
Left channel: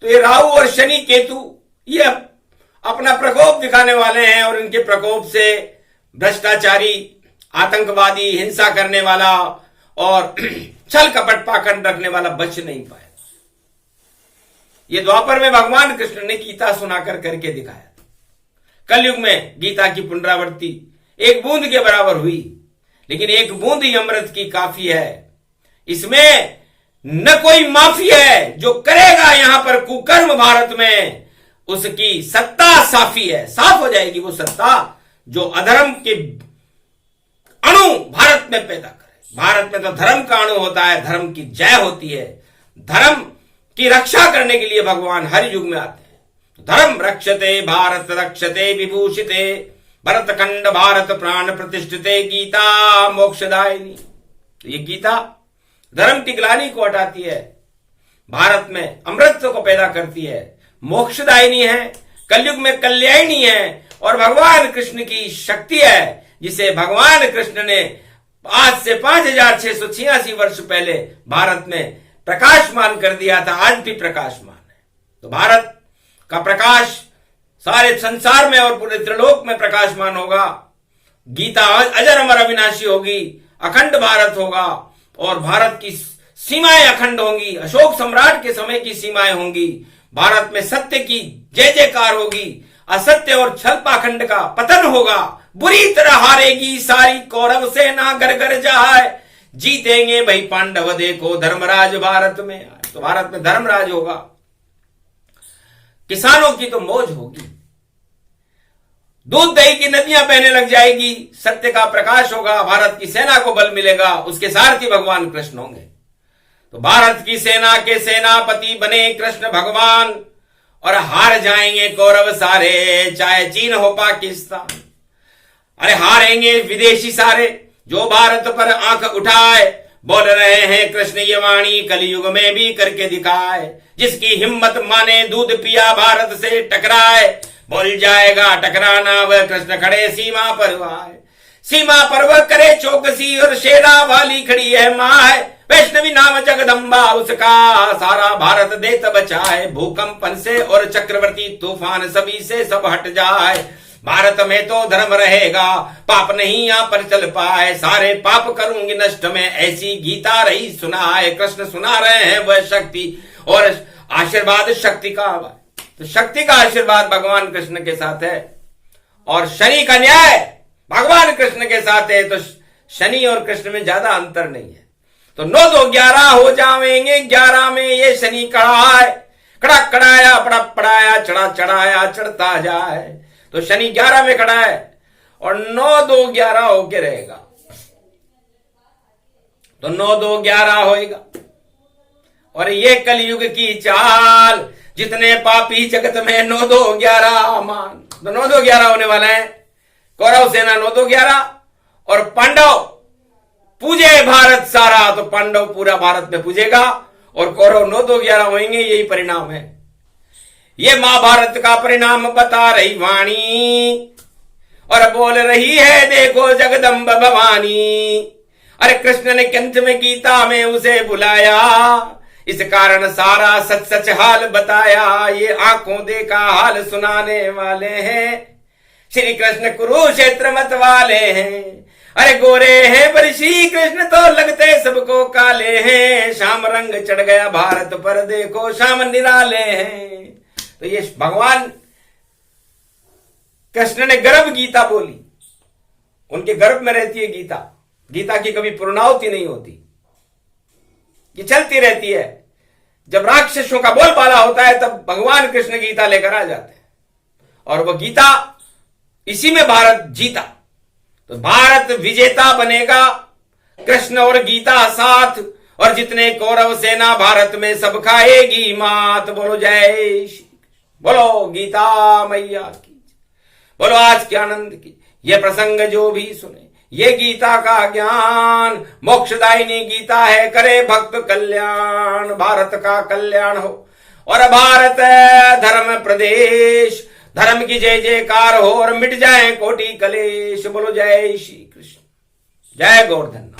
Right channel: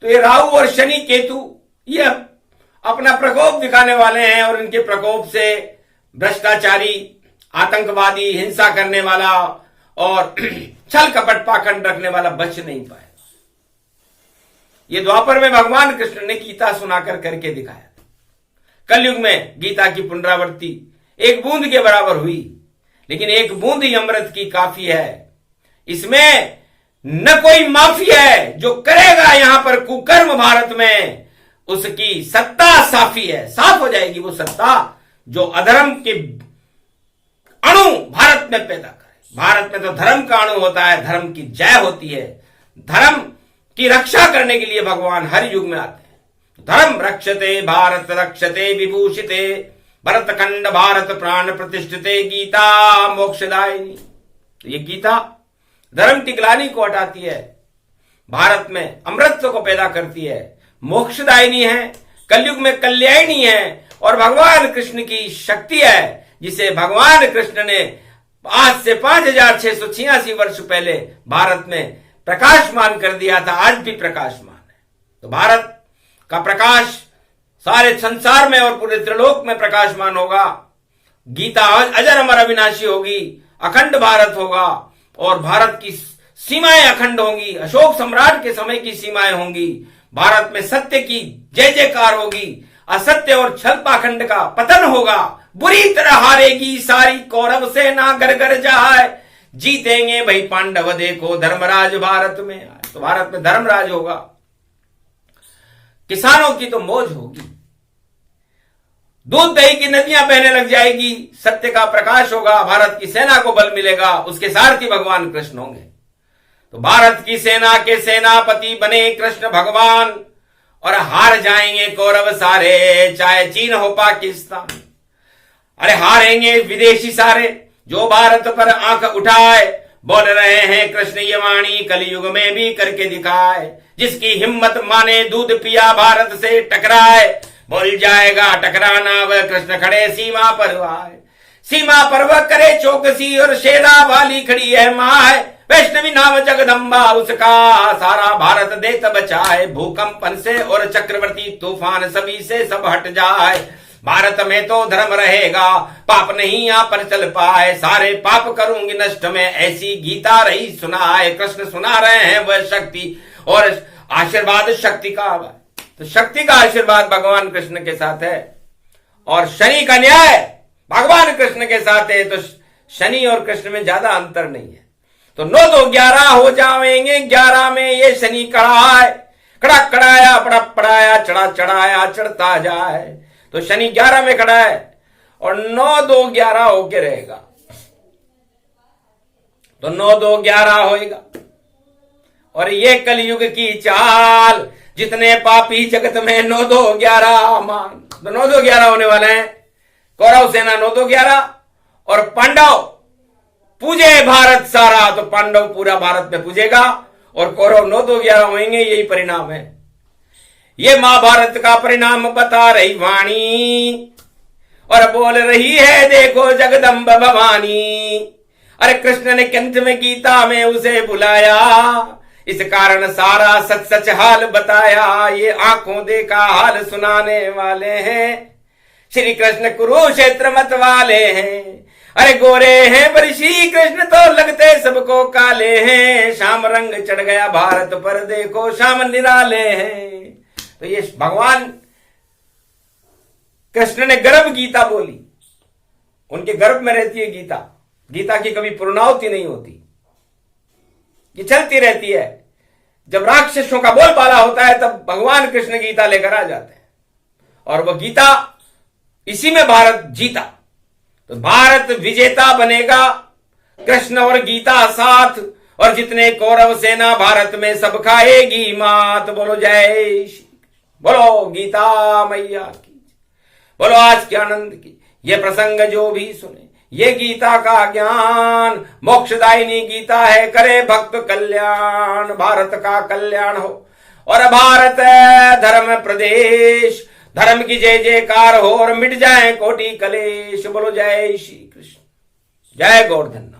तो ये राहु और शनि केतु ये अपना प्रकोप दिखाने वाले हैं और इनके प्रकोप से भ्रष्टाचारी, आतंकवादी, हिंसा करने वाला और छल कपट पाखंड रखने वाला बच नहीं पाएगा। ये द्वापर में भगवान कृष्ण ने गीता सुनाकर करके दिखाया। कलयुग में गीता की पुनरावृत्ति एक बूंद के बराबर हुई, लेकिन एक बूंद ही अमृत की काफी है। इसमें न कोई माफी है। जो करेगा यहां पर कुकर्म भारत में, उसकी सत्ता साफी है, साफ हो जाएगी वो सत्ता जो अधर्म के अणु भारत में पैदा करे। भारत में तो धर्म का अणु होता है, धर्म की जय होती है। धर्म की रक्षा करने के लिए भगवान हर युग में आते हैं। धर्म रक्षते भारत रक्षते विभूषिते, भरत खंड भारत प्राण प्रतिष्ठिते, गीता मोक्षदायिनी। तो ये गीता धर्म की ग्लानि को हटाती है, भारत में अमृतत्व को पैदा करती है, मोक्षदायिनी है, कलयुग में कल्याणी है और भगवान कृष्ण की शक्ति है, जिसे भगवान कृष्ण ने आज से 5686 वर्ष पहले भारत में प्रकाशमान कर दिया था। आज भी प्रकाशमान है। तो भारत का प्रकाश सारे संसार में और पूरे त्रिलोक में प्रकाशमान होगा। गीता अजर अमर अविनाशी होगी, अखंड भारत होगा और भारत की सीमाएं अखंड होंगी। अशोक सम्राट के समय की सीमाएं होंगी। भारत में सत्य की जय जयकार होगी, असत्य और छल पाखंड का पतन होगा। बुरी तरह हारेगी सारी कौरव सेना, घर घर जाए जीतेंगे भाई पांडव, देखो धर्मराज भारत में आए। तो भारत में धर्मराज होगा, किसानों की तो मौज होगी, दूध दही की नदियां बहने लग जाएगी, सत्य का प्रकाश होगा, भारत की सेना को बल मिलेगा, उसके सारथी भगवान कृष्ण होंगे। तो भारत की सेना के सेनापति बने कृष्ण भगवान और हार जाएंगे कौरव सारे, चाहे चीन हो पाकिस्तान। अरे हारेंगे विदेशी सारे जो भारत पर आंख उठाए। बोल रहे हैं कृष्ण ये वाणी कलयुग में भी करके दिखाए। जिसकी हिम्मत माने दूध पिया भारत से टकराए, बोल जाएगा टकराना वह कृष्ण खड़े सीमा पर आए। सीमा पर वह करे चौकसी और शेरा वाली खड़ी है माँ है। वैष्णवी नाम जगदम्बा उसका सारा भारत देत बचाए। भूकंपन से और चक्रवर्ती तूफान सभी से सब हट जाए। भारत में तो धर्म रहेगा, पाप नहीं यहाँ पर चल पाए। सारे पाप करूंगी नष्ट में, ऐसी गीता रही सुनाए। कृष्ण सुना रहे हैं वह शक्ति और आशीर्वाद शक्ति का। तो शक्ति का आशीर्वाद भगवान कृष्ण के साथ है और शनि का न्याय भगवान कृष्ण के साथ है। तो शनि और कृष्ण में ज्यादा अंतर नहीं है। तो 9 2 11 हो जाएंगे 11 में ये शनि कड़ा है। कड़ा कड़ाया पड़ा पड़ाया चढ़ा चढ़ाया चढ़ता जाए। तो शनि 11 में खड़ा है और 9 2 11 होके रहेगा। तो 9 2 11 होएगा और ये कलयुग की चाल। जितने पापी जगत में 9 2 11 मान। तो 9 2 11 होने वाले हैं। कौरव सेना 9 2 11 और पांडव पूजे भारत सारा। तो पांडव पूरा भारत में पूजेगा और कौरव 9 2 11 होंगे। यही परिणाम है। ये महाभारत का परिणाम बता रही वाणी और बोल रही है देखो जगदम्ब भवानी। अरे कृष्ण ने कंठ में गीता में उसे बुलाया, इस कारण सारा सच सच हाल बताया। ये आंखों देखा हाल सुनाने वाले हैं, श्री कृष्ण कुरुक्षेत्र मत वाले हैं। अरे गोरे हैं पर श्री कृष्ण तो लगते सबको काले हैं। श्याम रंग चढ़ गया भारत पर, देखो श्याम निराले हैं। तो ये भगवान कृष्ण ने गर्भ गीता बोली, उनके गर्भ में रहती है गीता। गीता की कभी पूर्णाहुति नहीं होती, ये चलती रहती है। जब राक्षसों का बोलबाला होता है तब भगवान कृष्ण गीता लेकर आ जाते हैं और वह गीता, इसी में भारत जीता। तो भारत विजेता बनेगा, कृष्ण और गीता साथ। और जितने कौरव सेना भारत में सब खाएगी मात। बोलो जय श्री, बोलो गीता मैया की, बोलो आज के आनंद की। ये प्रसंग जो भी सुने, ये गीता का ज्ञान मोक्षदायिनी गीता है। करे भक्त कल्याण, भारत का कल्याण हो और भारत धर्म प्रदेश, धर्म की जय जयकार हो और मिट जाए कोटि कलेश। बोलो जय श्री कृष्ण, जय गोवर्धन।